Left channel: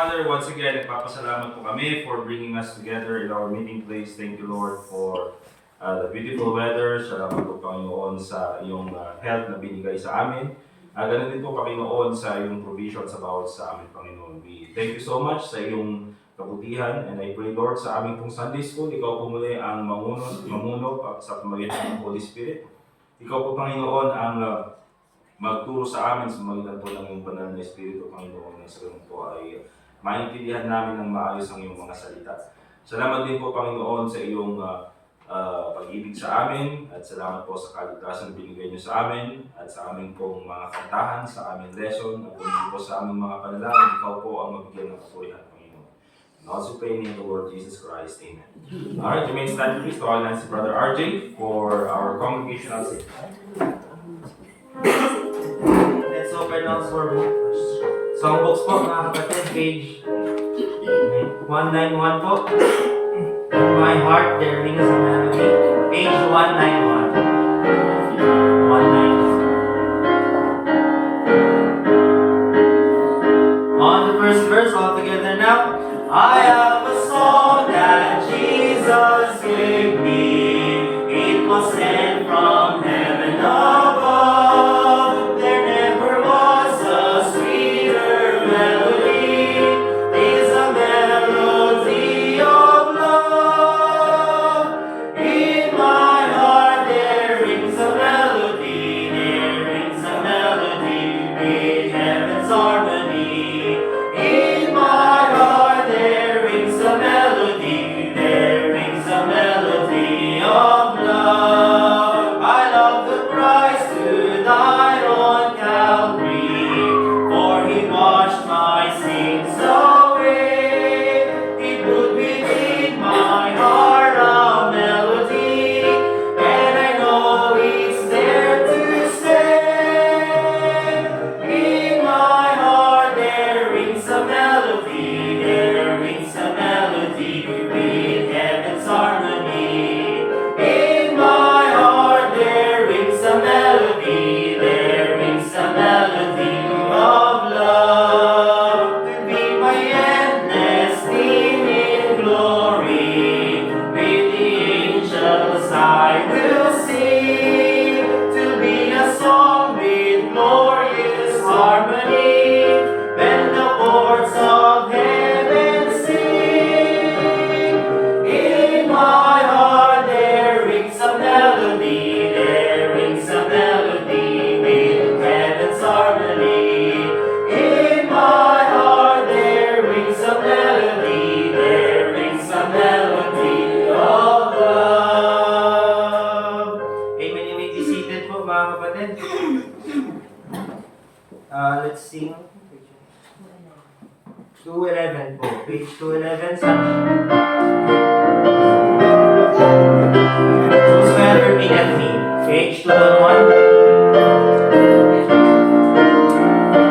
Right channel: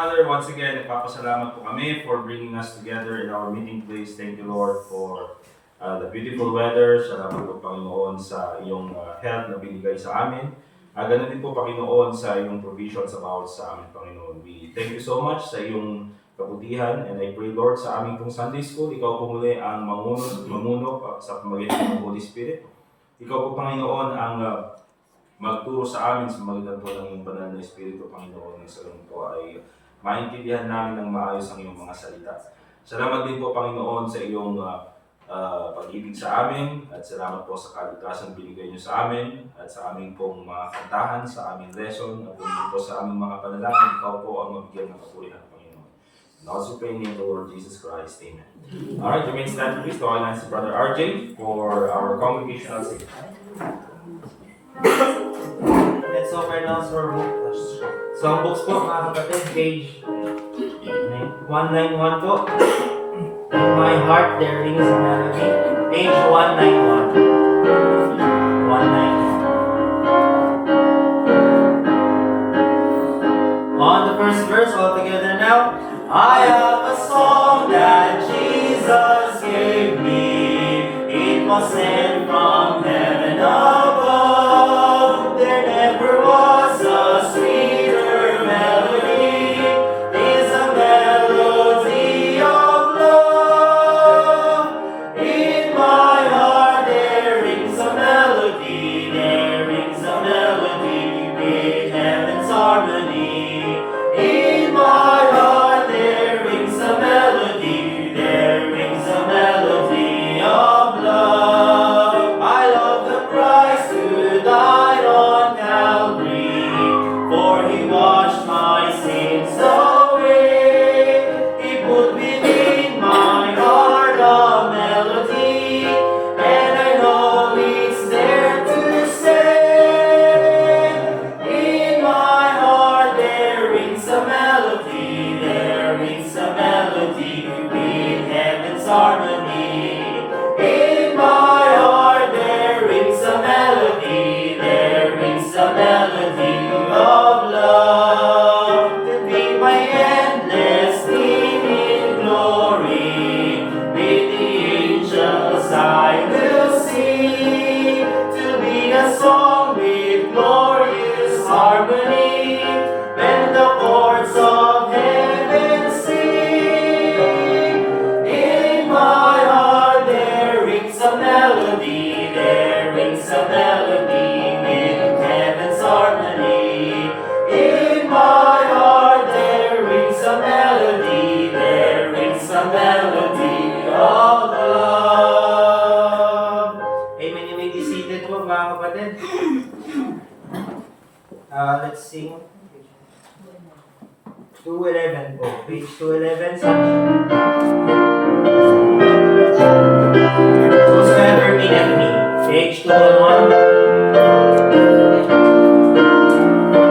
Father, once again, nagpapasalamat po kami for bringing us together in our meeting place. Thank you, Lord, for the beautiful weather. Salamat po, Panginoon, sa iyong health na binigay sa amin. Ganun din po, Panginoon, sa iyong provision sa bawat sa amin, Panginoon. We thank you so much sa iyong kabutihan, and I pray, Lord, sa aming pong Sunday School, ikaw po muli ang mamuno sa pamagitan ng Holy Spirit. Ikaw po, Panginoon, ang magturo sa amin sa magitan po ng iyong banal na Espiritu, Panginoon, na sa ganun po ay maintindihan namin ng maayos ang iyong mga salita. Salamat din po, Panginoon, sa iyong pag-ibig sa amin, at salamat po sa kaligtasan binigay niyo sa amin at sa aming pong mga kantahan, sa aming lesson, at po sa aming mga panalangin. Ikaw po ang mabigyan ng kapurihan, Panginoon. And also pray in the Lord Jesus Christ. Amen. Alright, you may stand please to all Nancy Brother RJ for our congregational sing. Let's open us for songbooks po, mga kapatid, page 191 po. In my heart there rings a melody. Page 191. 191. On the first verse, all together now. I have a song that Jesus gave me. It was sent from heaven above. There never was a sweeter melody. It's a melody of love. In my heart there rings a melody. There rings a melody with heaven's harmony. In my heart there rings a melody. There rings a melody of love. I love the Christ who died on Calvary, for he washed my sins away. He put within my heart a melody, and I know it's there to stay. In my heart there rings a melody. There rings a melody with heaven's harmony. In my heart there rings a melody. There rings a melody of love. To be my endless theme in glory. With the angels I will sing. To be a song with glorious harmony. When the chords of heaven sing. In my heart there rings a melody. There rings a melody with heaven's harmony. In my heart there rings a melody. There rings a melody of love. Amen. You may be seated po, mga kapatid. Let's sing 211 po. Page 211. Whosoever meaneth me. Page 211.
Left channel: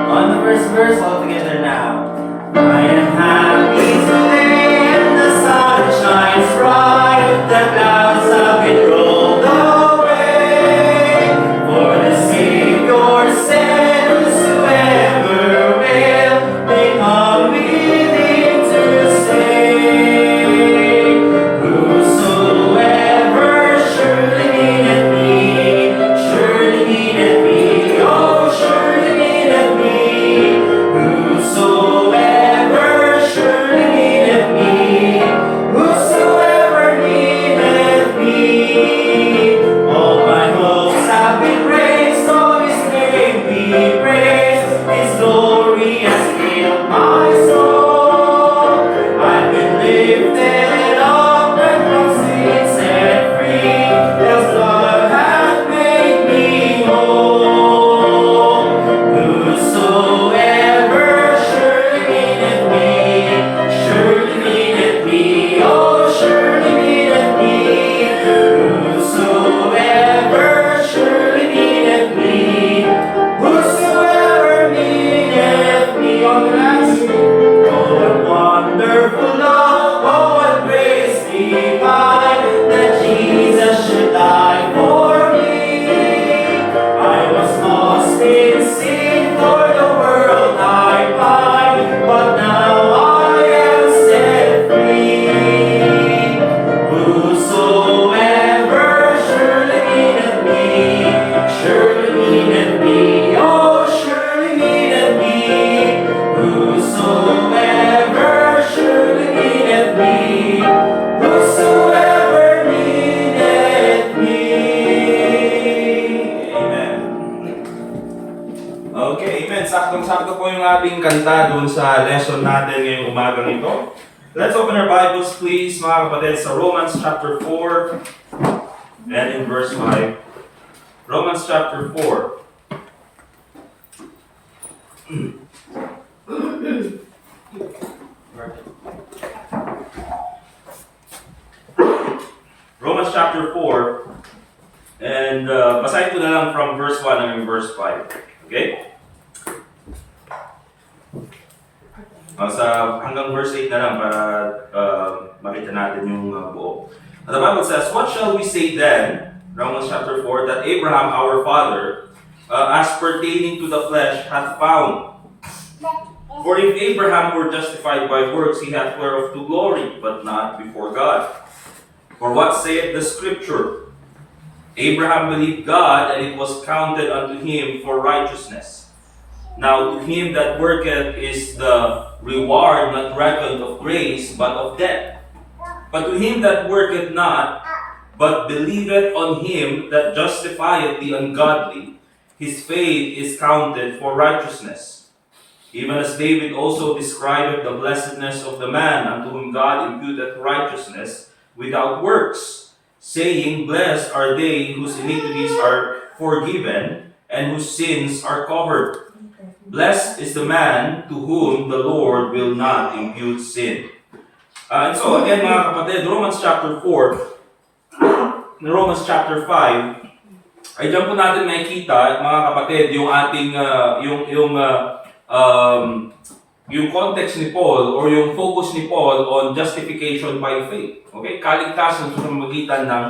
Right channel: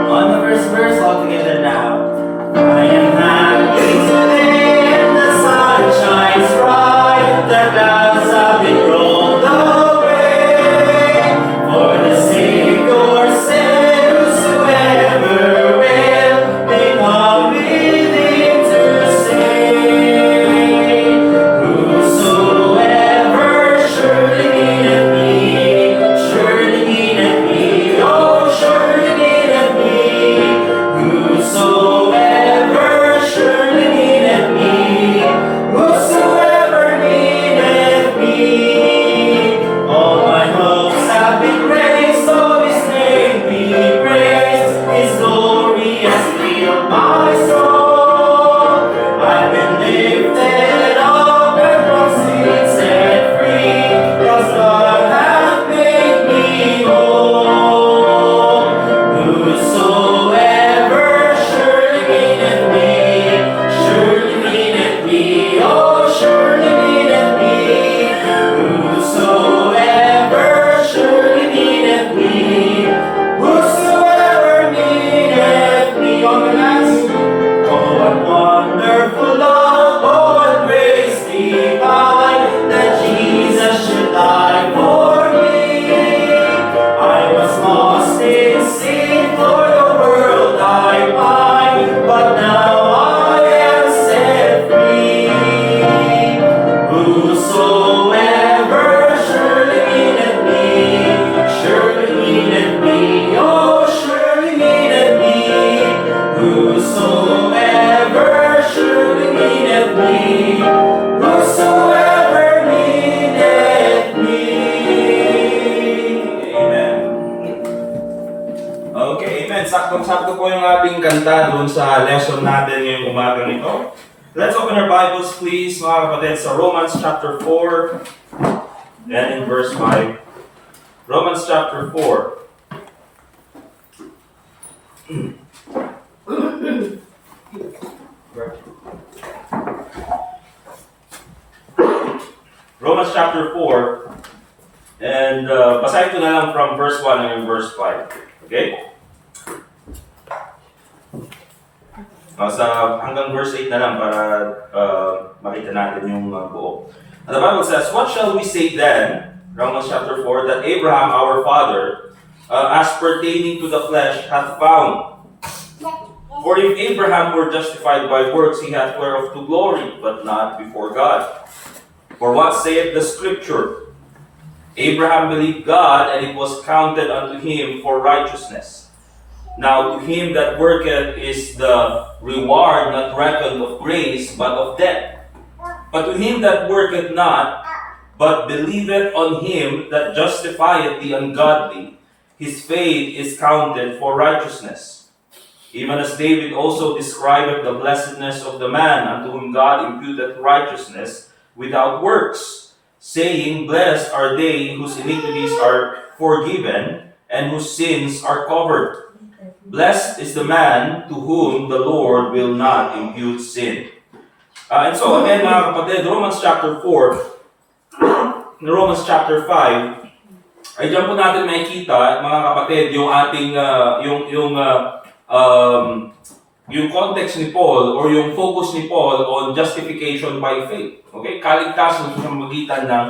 On the first verse, all together now. I am happy today, and the sun shines bright. The clouds have been rolled away. For the Savior said, whosoever will, may come with him to stay. Whosoever surely needeth me, oh, surely needeth me. Whosoever surely needeth me, whosoever needeth me. All my hopes have been raised, so his name be praised. His glory has filled my soul. whosoever surely needeth me, whosoever needeth me. Amen. Okay, amen. Saktong-sakto po yung ating kanta doon sa lesson natin ngayong umagang ito. Let's open our Bibles please, mga kapatid, sa Romans chapter 4 and in verse 5. Romans chapter 4. Romans chapter 4 and basahin ko na lang from verse 1 and verse 5. Okay? Basta hanggang verse 8 na lang para makita natin yung buo. And the Bible says, "What shall we say then?" Romans chapter 4, "that Abraham our father, as pertaining to the flesh, hath found. For if Abraham were justified by works, he hath whereof to glory, but not before God. For what saith the Scripture? Abraham believed God, and it was counted unto him for righteousness. Now to him that worketh is the reward not reckoned of grace, but of debt. But to him that worketh not, but believeth on him that justifieth the ungodly, his faith is counted for righteousness. Even as David also describeth the blessedness of the man unto whom God imputeth righteousness without works, saying, Blessed are they whose iniquities are forgiven, and whose sins are covered. Blessed is the man to whom the Lord will not impute sin." And so again, mga kapatid, Romans chapter 4, Romans chapter 5, ay dyan po natin makikita, mga kapatid, yung ating, yung context ni Paul or yung focus ni Paul on justification by faith. Okay? Kaligtasan sa pamamagitan ng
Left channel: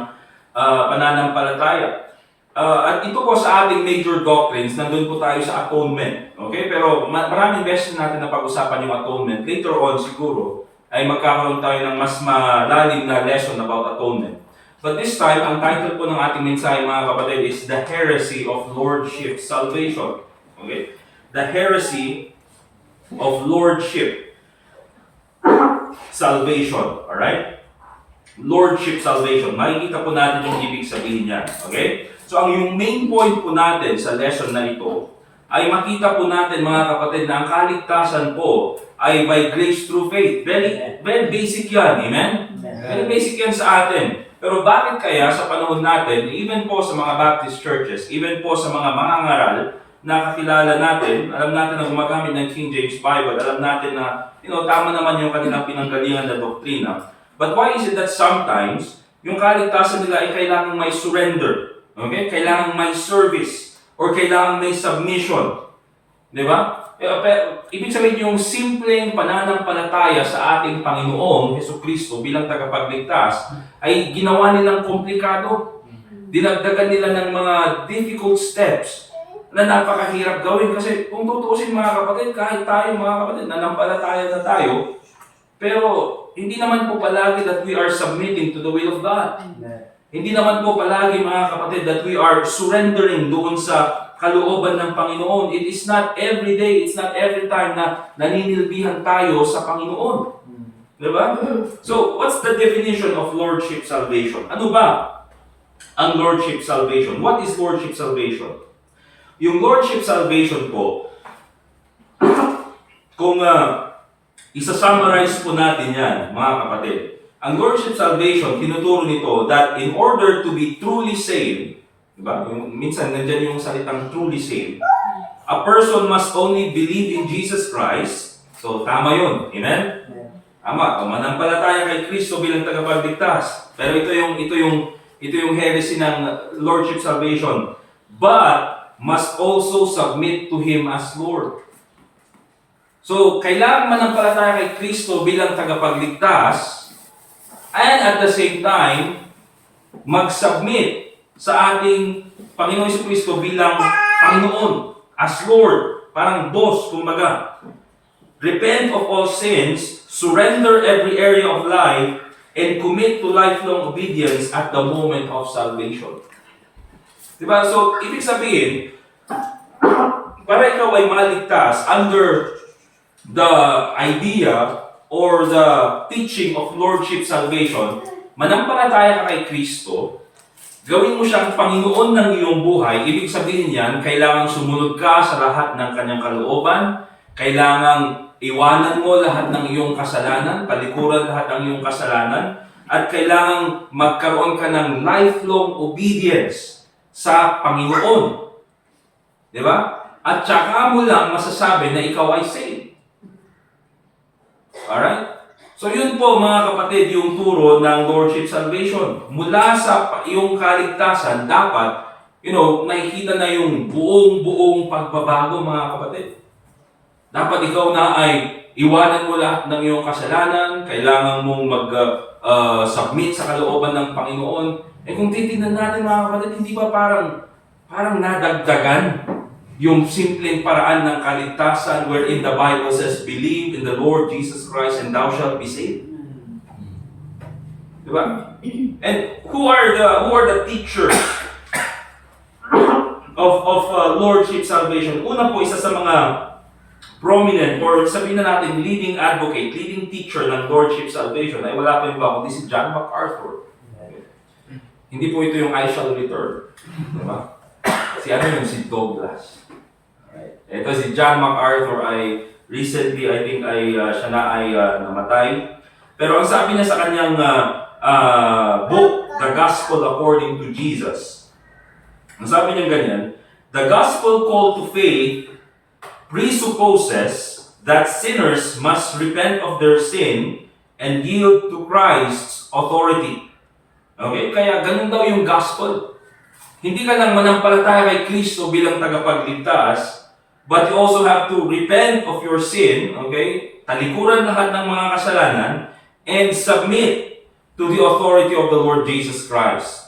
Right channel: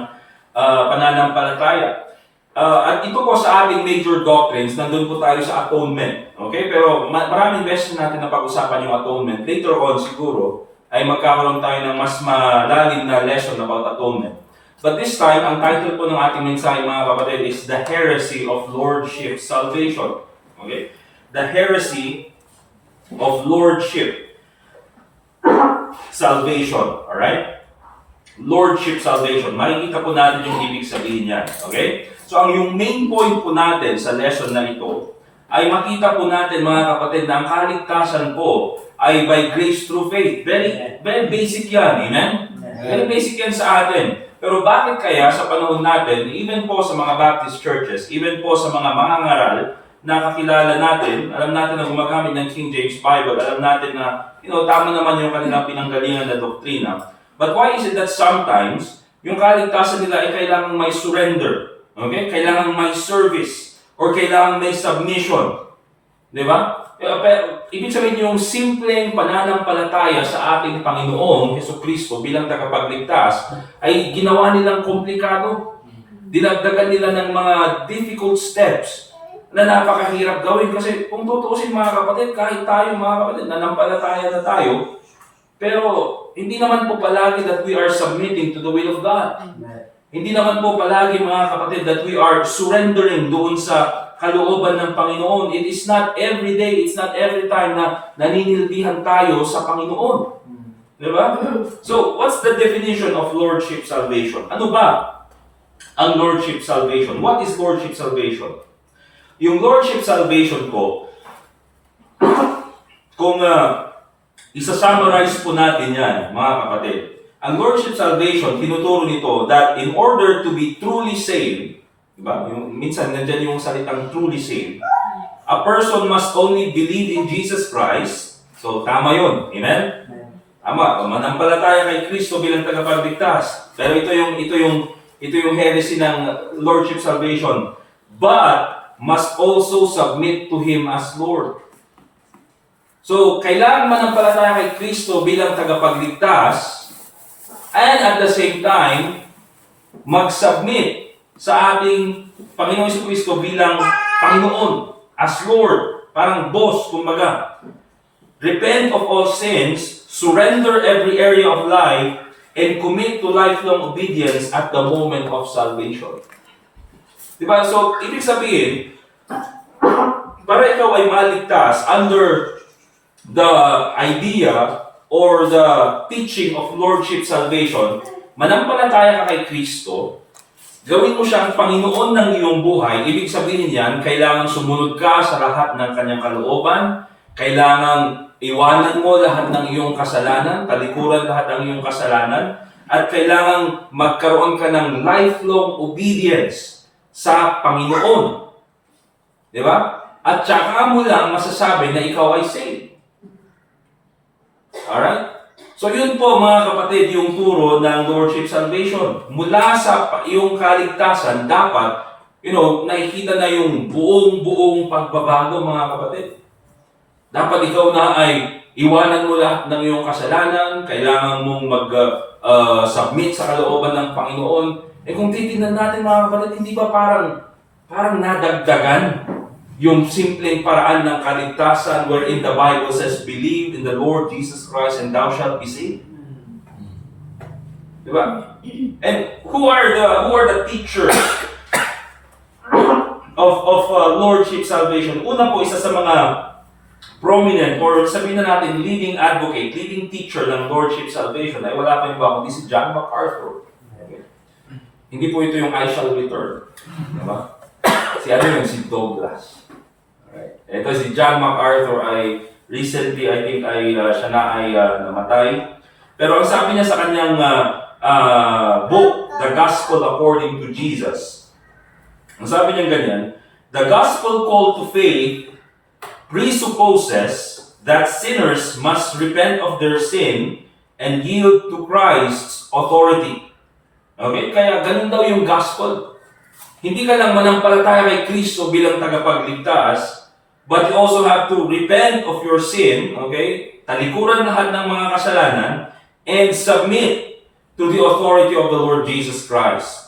pananampalataya. At ito po sa ating major doctrines, nandun po tayo sa atonement. Okay? Pero maraming beses natin na pag-usapan yung atonement. Later on siguro, ay magkakaroon tayo ng mas malalim na lesson about atonement. But this time, ang title po ng ating mensahe, mga kapatid, is The Heresy of Lordship Salvation. Okay? The Heresy of Lordship Salvation. Alright? Lordship Salvation. Makikita po natin yung ibig sabihin niyan. Okay? So, ang yung main point po natin sa lesson na ito, ay makita po natin, mga kapatid, na ang kaligtasan po ay by grace through faith. Very basic yan. Amen? Very basic yan sa atin. Pero bakit kaya sa panahon natin, even po sa mga Baptist churches, even po sa mga mangangaral na kakilala natin, alam natin na gumagamit ng King James Bible, alam natin na, tama naman yung kanilang pinanggalingan na doktrina. But why is it that sometimes, yung kaligtasan nila ay kailangang may surrender? Okay? Kailangang may service or kailangang may submission. Di ba? Ibig sabihin yung simpleng pananampalataya sa ating Panginoong Hesukristo bilang tagapagligtas ay ginawa nilang komplikado. Dinagdagan nila ng mga difficult steps na napakahirap gawin. Kasi kung tutuusin, mga kapatid, kahit tayo, mga kapatid, nanampalataya na tayo, pero hindi naman po palagi that we are submitting to the will of God. Hindi naman po palagi, mga kapatid, that we are surrendering doon sa kalooban ng Panginoon. It is not every day, it's not every time na naninilbihan tayo sa Panginoon. Diba? So, what's the definition of Lordship Salvation? Ano ba ang Lordship Salvation? What is Lordship Salvation? Yung Lordship Salvation po, kung isa-summarize po natin yan, mga kapatid, ang Lordship Salvation, tinuturo nito that in order to be truly saved, diba? Minsan nandyan yung salitang truly saved, a person must only believe in Jesus Christ. So, tama yun. Amen? Tama. Manampalataya kay Kristo bilang tagapagligtas. Pero ito yung heresy ng Lordship Salvation. But must also submit to Him as Lord. So, kailangan manampalataya kay Kristo bilang tagapagligtas, and at the same time, mag-submit sa ating Panginoong Jesucristo bilang Panginoon, as Lord, parang boss, kumbaga. Repent of all sins, surrender every area of life, and commit to lifelong obedience at the moment of salvation. Diba? So, ibig sabihin, para ikaw ay maligtas under the idea or the teaching of Lordship Salvation, manampalataya ka kay Kristo, gawin mo siyang Panginoon ng iyong buhay, ibig sabihin yan, kailangan sumunod ka sa lahat ng kanyang kalooban, kailangan iwanan mo lahat ng iyong kasalanan, talikuran lahat ng iyong kasalanan, at kailangan magkaroon ka ng lifelong obedience sa Panginoon. Di ba? At saka mo lang masasabi na ikaw ay saved. Alright? So yun po mga kapatid, yung turo ng Lordship Salvation. Mula sa iyong kaligtasan, dapat, nakikita na yung buong pagbabago mga kapatid. Dapat ikaw na ay iwanan mo lahat ng iyong kasalanan, kailangan mong mag-submit sa kalooban ng Panginoon. Kung titingnan natin mga kapatid, hindi ba parang nadagdagan yung simpleng paraan ng kaligtasan wherein the Bible says, believe in the Lord Jesus Christ and thou shalt be saved. Diba? And who are the teachers of Lordship Salvation? Una po, isa sa mga prominent or sabihin na natin leading advocate, leading teacher ng Lordship Salvation ay wala po yung iba kundi si John MacArthur. Okay. Hindi po ito yung I shall return. Diba? Si Douglas. Alright. Ito si John MacArthur ay recently, I think, siya na ay namatay. Pero ang sabi niya sa kanyang book, The Gospel According to Jesus, ang sabi niya ganyan, the gospel call to faith presupposes that sinners must repent of their sin and yield to Christ's authority. Okay? Kaya ganun daw yung gospel. Hindi ka lang manampalataya kay Kristo bilang tagapagligtas, but you also have to repent of your sin, okay? Talikuran lahat ng mga kasalanan, and submit to the authority of the Lord Jesus Christ.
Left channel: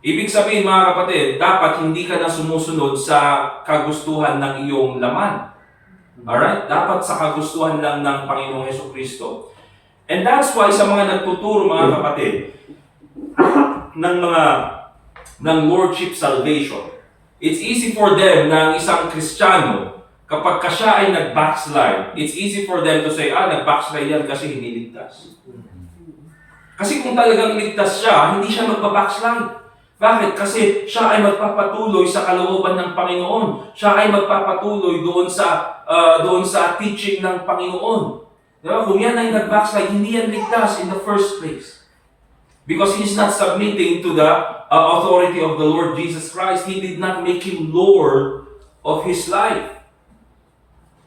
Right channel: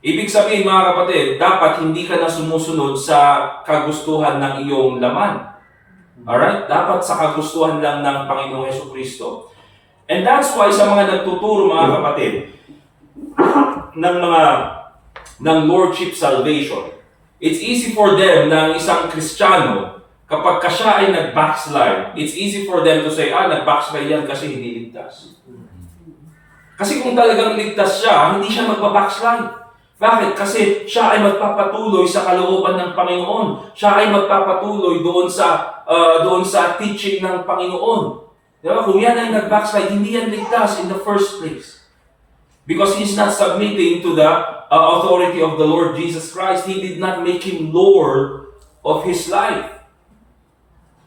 Ibig sabihin mga kapatid, dapat hindi ka na sumusunod sa kagustuhan ng iyong laman. Alright? Dapat sa kagustuhan lang ng Panginoong Hesukristo. And that's why sa mga nagtuturo mga kapatid, ng Lordship Salvation, it's easy for them na isang Kristiyano, kapag siya ay nag-backslide, it's easy for them to say, nag-backslide yan kasi hindi ligtas. Kasi kung talagang ligtas siya, hindi siya magpa-backslide. Bakit? Kasi siya ay magpapatuloy sa kalooban ng Panginoon. Siya ay magpapatuloy doon sa teaching ng Panginoon. Diba? Kung yan ay nag-backslide, hindi yan ligtas in the first place. Because he's not submitting to the authority of the Lord Jesus Christ. He did not make him Lord of his life.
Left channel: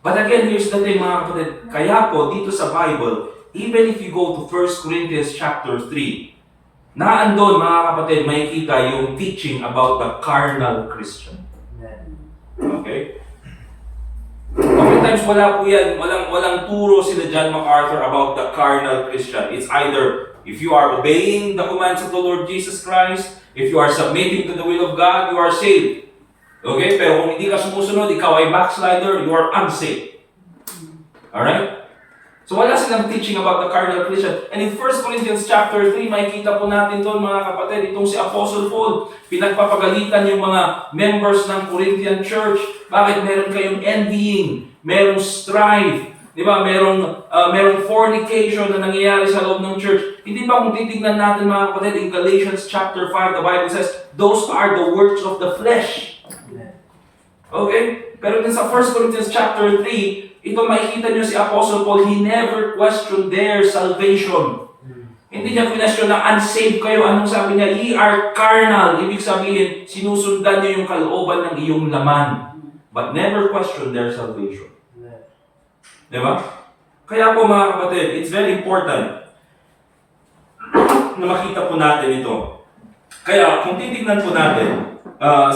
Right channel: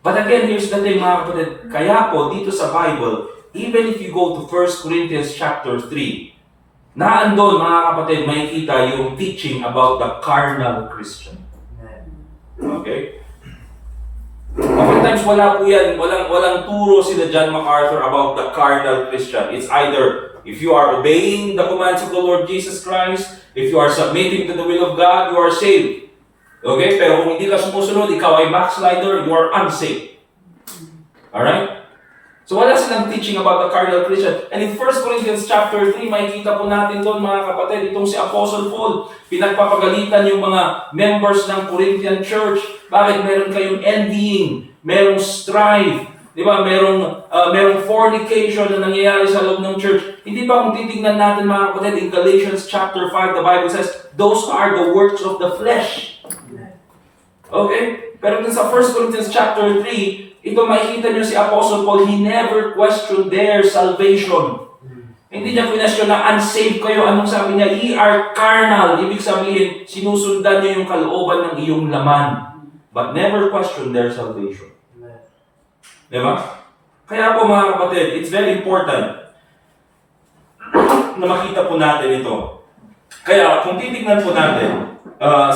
But again, here's the thing mga kapatid. Kaya po, dito sa Bible, even if you go to 1 Corinthians chapter 3, naandun mga kapatid, makikita yung teaching about the carnal Christian. Okay? Oftentimes wala po yan, walang turo si John MacArthur about the carnal Christian. It's either if you are obeying the commands of the Lord Jesus Christ, if you are submitting to the will of God, you are saved. Okay? Pero kung hindi ka sumusunod, ikaw ay backslider, you are unsaved. Alright? So wala silang teaching about the carnal Christian. And in 1 Corinthians chapter 3, makikita po natin doon mga kapatid, itong si Apostle Paul, pinagpapagalitan yung mga members ng Corinthian church. Bakit meron kayong envying, merong strife, di ba? Merong fornication na nangyayari sa loob ng church. Hindi ba kung titignan natin mga kapatid, in Galatians chapter 5, the Bible says, those are the works of the flesh. Okay? Pero din sa 1 Corinthians chapter 3, ito makikita niyo si Apostle Paul, he never questioned their salvation. Hindi niya question na unsaved kayo. Anong sabi niya? Ye are carnal. Ibig sabihin, sinusundan niyo yung kalooban ng iyong laman. But never question their salvation. Diba? Kaya po mga kapatid, it's very important na makita po natin ito. Kaya kung titignan po natin,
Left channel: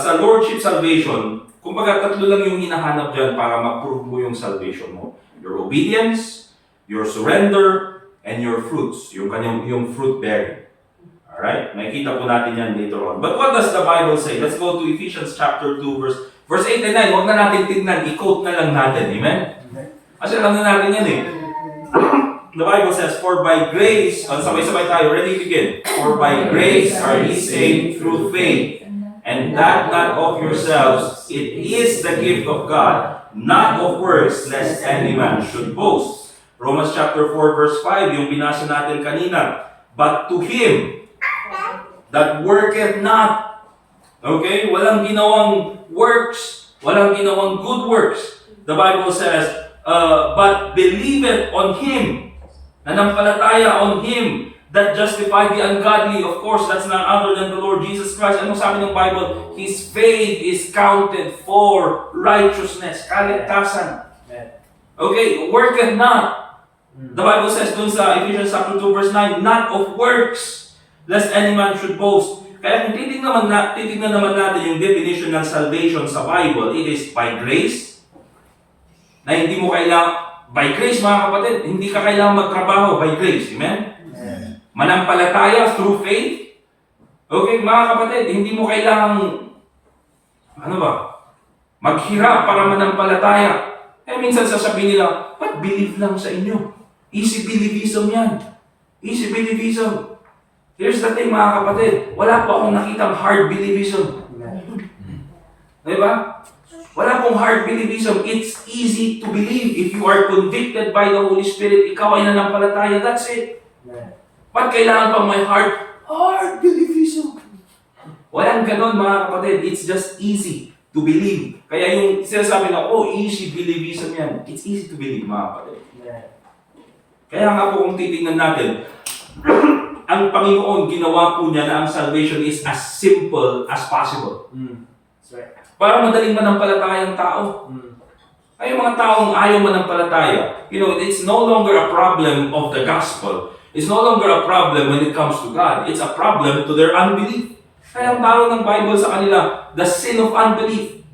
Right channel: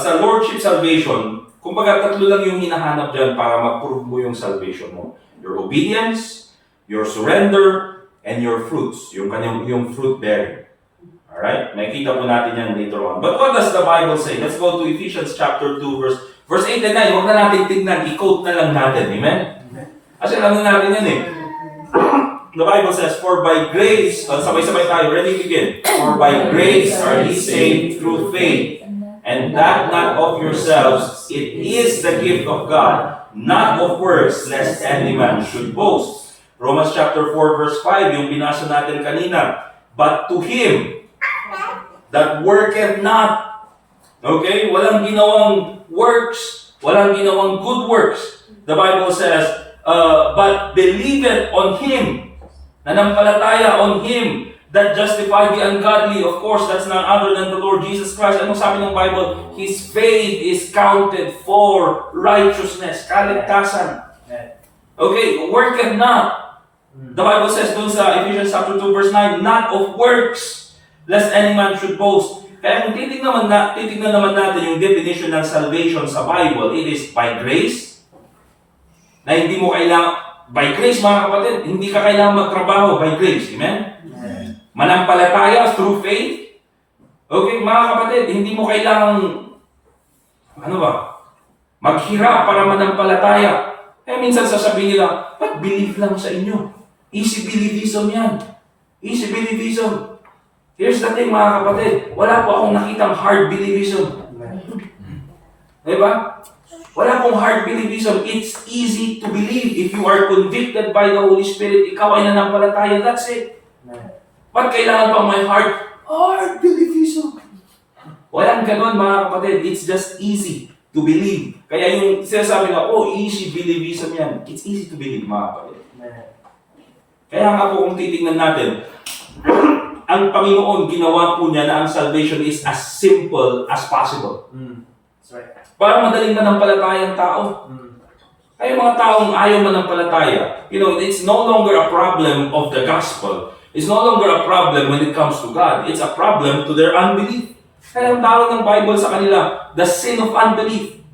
sa Lordship Salvation, kumbaga tatlo lang yung hinahanap dyan para mag-prove mo yung salvation mo. Your obedience, your surrender, and your fruits. Yung fruit bearing. Alright? Makikita po natin yan later on. But what does the Bible say? Let's go to Ephesians chapter 2, verse 8 and 9. Huwag na natin tignan. I-quote na lang natin. Amen? Kasi alam na natin yan eh. The Bible says, for by grace, sabay-sabay tayo, ready to begin. For by grace are ye saved through faith, and that not of yourselves, it is the gift of God, not of works, lest any man should boast. Romans chapter 4 verse 5, yung binasa natin kanina. But to him that worketh not. Okay? Walang ginawang works. Walang ginawang good works. The Bible says, but believeth on him. Nanampalataya on him that justified the ungodly. Of course, that's none other than the Lord Jesus Christ. Anong sabi ng Bible? His faith is counted for righteousness. Kaligtasan. Okay, worketh not. The Bible says dun sa Ephesians chapter 2 verse 9, not of works, lest any man should boast. Kaya kung titignan naman natin yung definition ng salvation sa Bible, it is by grace, na hindi mo kailangan, by grace mga kapatid, hindi ka kailangan magtrabaho by grace. Amen? Manampalataya through faith. Okay, mga kapatid, hindi mo kailangan, maghirap para manampalataya. Minsan sasabihin nila, ba't believe lang sa inyo? Easy believism yan. Easy believism. Here's the thing mga kapatid, wala po akong nakitang hard believism. Diba? Wala pong hard believism. It's easy to believe. If you are convicted by the Holy Spirit, ikaw ay nanampalataya, that's it. Ba't kailangan pang may hard believism? Walang ganon mga kapatid. It's just easy to believe. Kaya yung sinasabi na, easy believism yan. It's easy to believe mga kapatid. Kaya nga po kung titingnan natin, ang Panginoon ginawa po niya na ang salvation is as simple as possible. Para madaling manampalataya ang tao. Ay mga taong ayaw manampalataya, it's no longer a problem of the gospel. It's no longer a problem when it comes to God. It's a problem to their unbelief. Kaya ang tawag ng Bible sa kanila, the sin of unbelief.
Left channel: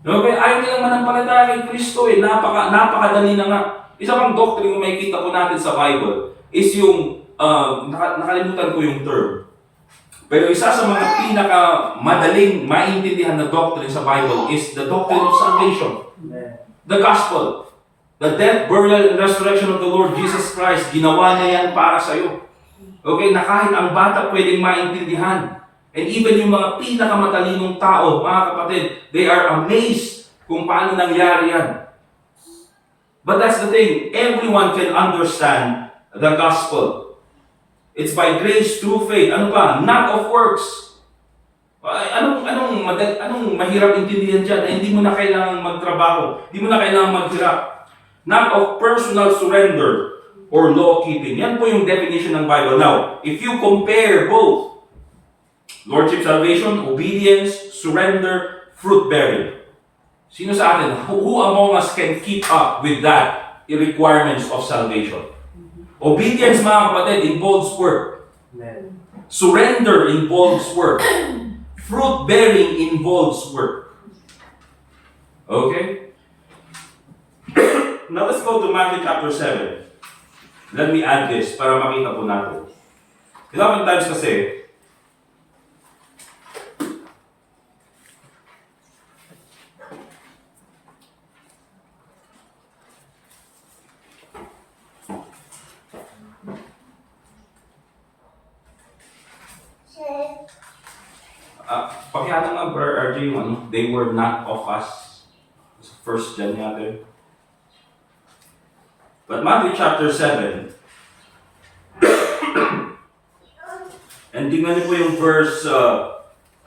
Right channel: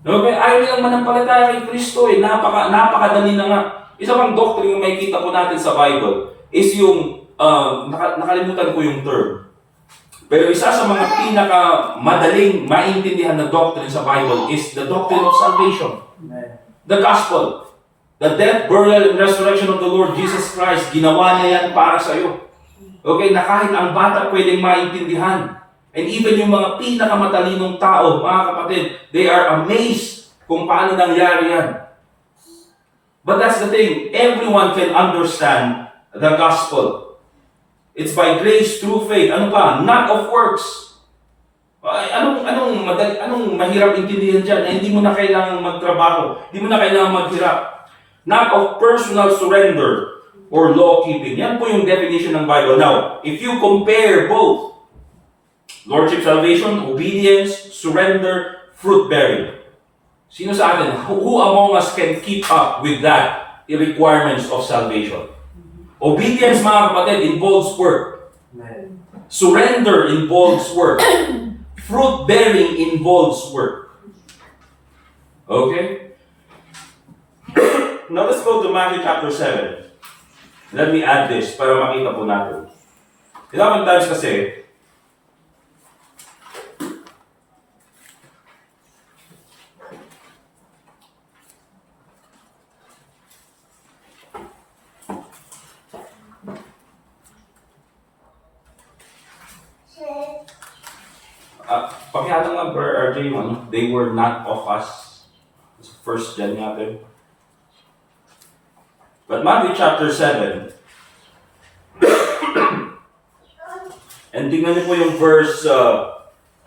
Okay? Ayaw nilang manampalataya kay Kristo napakadali na nga. Isa pang doctrine na makikita po natin sa Bible is yung, nakalimutan ko yung term. Pero isa sa mga pinaka-madaling maintindihan na doctrine sa Bible is the doctrine of salvation. The gospel. The death, burial, and resurrection of the Lord Jesus Christ, ginawa niya yan para sa'yo. Okay, na kahit ang bata pwedeng maintindihan. And even yung mga pinakamatalinong tao, mga kapatid, they are amazed kung paano nangyari yan. But that's the thing, everyone can understand the gospel. It's by grace through faith. Ano pa? Not of works. Anong mahirap intindihan dyan? Na hindi mo na kailangang magtrabaho. Hindi mo na kailangang maghirap. Not of personal surrender or law-keeping. Yan po yung definition ng Bible. Now, if you compare both, Lordship salvation, obedience, surrender, fruit-bearing. Sino sa atin? Who among us can keep up with that requirements of salvation? Obedience, mga kapatid, involves work. Surrender involves work. Fruit-bearing involves work. Okay? Now let's go to Matthew chapter 7. Let me add this para makita po natin. Ilang times kasi, pakihatan nga, Brother RJ, they were not of us. First John yata. But Matthew chapter 7, and tingnan niyo po yung verse 20,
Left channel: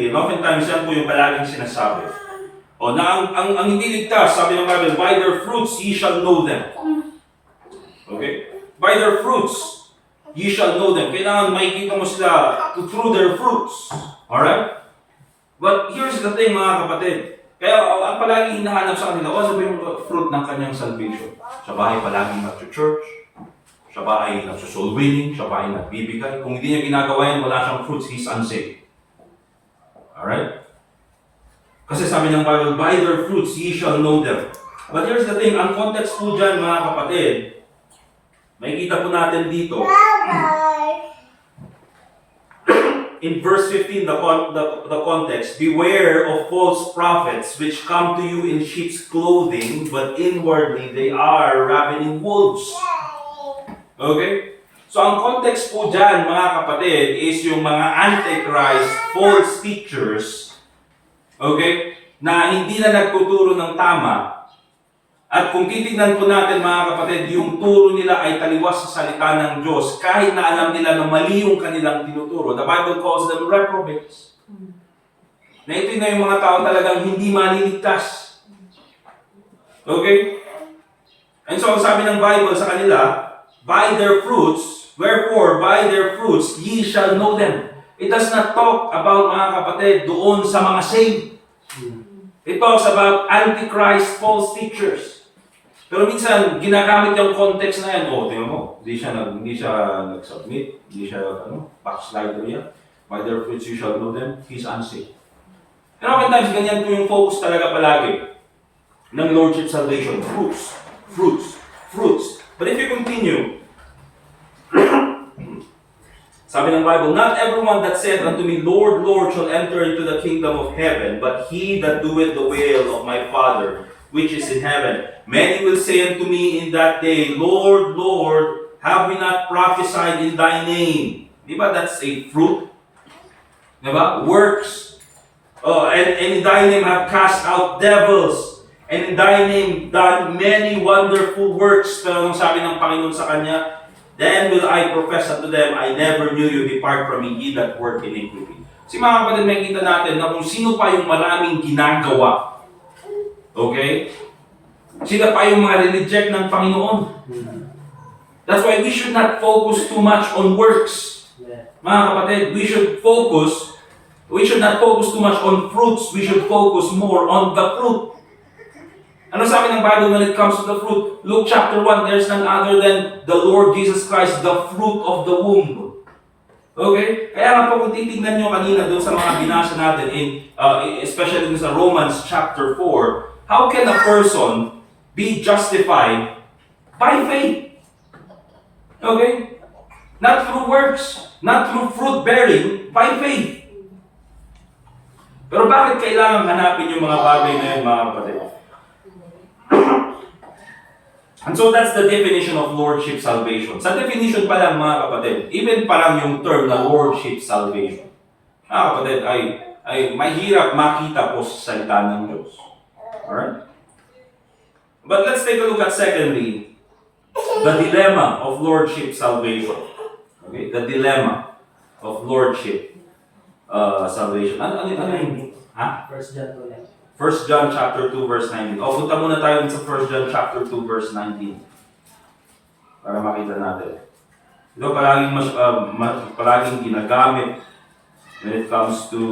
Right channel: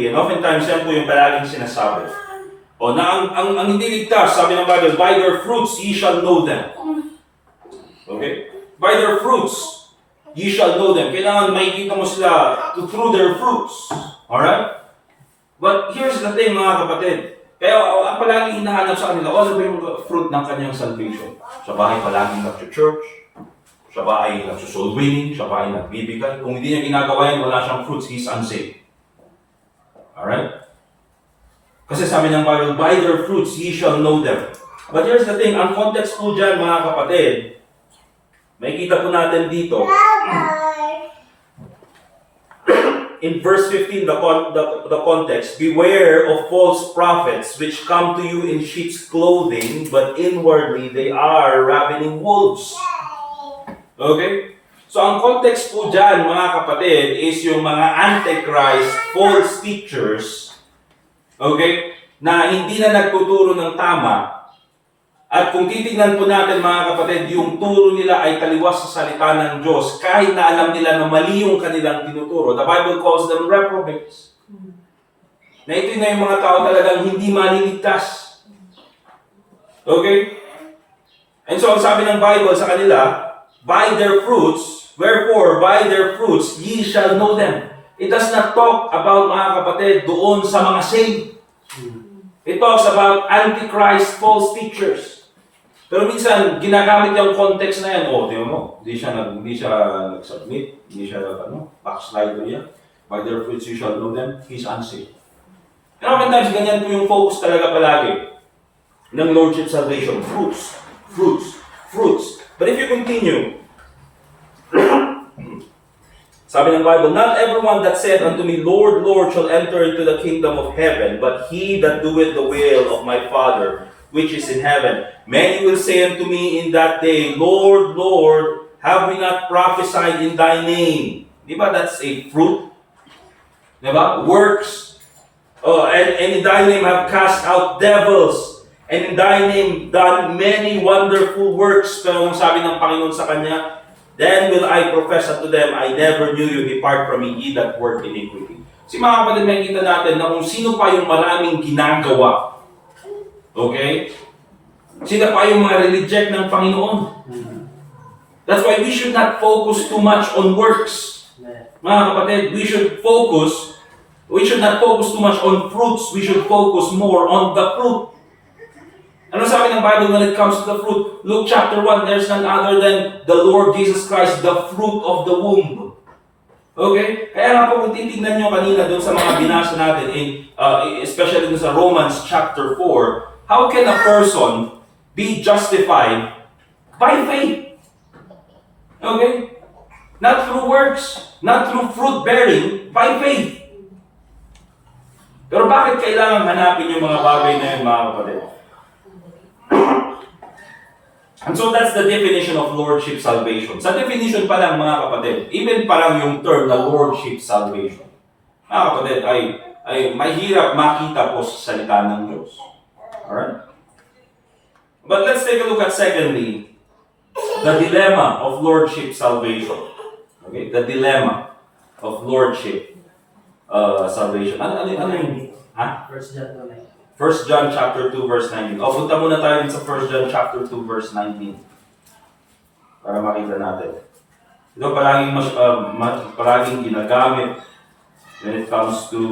and oftentimes yan po yung palaging sinasabi. Na ang hindi ligtas, sabi ng Bible, by their fruits ye shall know them. Okay? By their fruits ye shall know them. Kailangan makikita mo sila through their fruits. Alright? But here's the thing, mga kapatid. Kaya ang palaging hinahanap sa kanila, ano ba yung fruit ng kanyang salvation? Siya ba ay palaging nag-church? Siya ba ay nag-soul winning? Siya ba ay nagbibigay? Kung hindi niya ginagawa yan, wala siyang fruits, he's unsaved. Alright? Kasi sabi ng Bible, by their fruits ye shall know them. But here's the thing, ang context po dyan, mga kapatid, makikita po natin dito. In verse 15, the context, beware of false prophets which come to you in sheep's clothing, but inwardly they are ravening wolves. Okay? So ang context po dyan, mga kapatid, is yung mga antichrist, false teachers, okay, na hindi na nagtuturo ng tama. At kung titignan po natin, mga kapatid, yung turo nila ay taliwas sa salita ng Diyos, kahit na alam nila na mali yung kanilang tinuturo. The Bible calls them reprobates. Na ito na yung mga tao talagang hindi maliligtas. Okay? And so, ang sabi ng Bible sa kanila, by their fruits, wherefore, by their fruits, ye shall know them. It does not talk about, mga kapatid, doon sa mga saved. It talks about antichrist false teachers. Pero minsan, ginagamit yung context na yan. Tingnan mo, hindi siya nag-submit, hindi siya, backslider yan. By their fruits you shall know them, he's unsaved. Pero oftentimes, ganyan po yung focus talaga palagi ng Lordship Salvation. Fruits, fruits, fruits. But if you continue, sabi ng Bible, not everyone that saith unto me, Lord, Lord, shall enter into the kingdom of heaven, but he that doeth the will of my Father, which is in heaven. Many will say unto me in that day, Lord, Lord, have we not prophesied in thy name? Diba that's a fruit? Diba? Works. And in thy name have cast out devils. And in thy name done many wonderful works. Pero ang sabi ng Panginoon sa kanya, then will I profess unto them, I never knew you, depart from me, ye that work iniquity. Si mga kapatid, makikita natin na kung sino pa yung maraming ginagawa. Okay? Sila pa yung mga reject ng Panginoon. That's why we should not focus too much on works. Mga kapatid, we should not focus too much on fruits. We should focus more on the fruit. Ano sabi ng Bible when it comes to the fruit? Luke chapter 1, there's none other than the Lord Jesus Christ, the fruit of the womb. Okay? Kaya nga po kung titignan nyo kanina doon sa mga binasa natin, especially doon sa Romans chapter 4, how can a person be justified by faith? Okay? Not through works, not through fruit bearing, by faith. Pero bakit kailangan hanapin yung mga bagay na yung mga kapatid? And so that's the definition of Lordship Salvation. Sa definition pa lang, mga kapatid, even pa lang yung term na Lordship Salvation, mga kapatid, ay mahirap makita po sa salita ng Diyos. Alright? But let's take a look at secondly, the dilemma of Lordship Salvation. Okay? The dilemma of Lordship Salvation. Ano yun? Ha? 1 John 2:9. 1 John chapter 2 verse 19. Punta muna tayo sa 1 John chapter 2 verse 19. Para makita natin. Ito palaging ginagamit when it comes to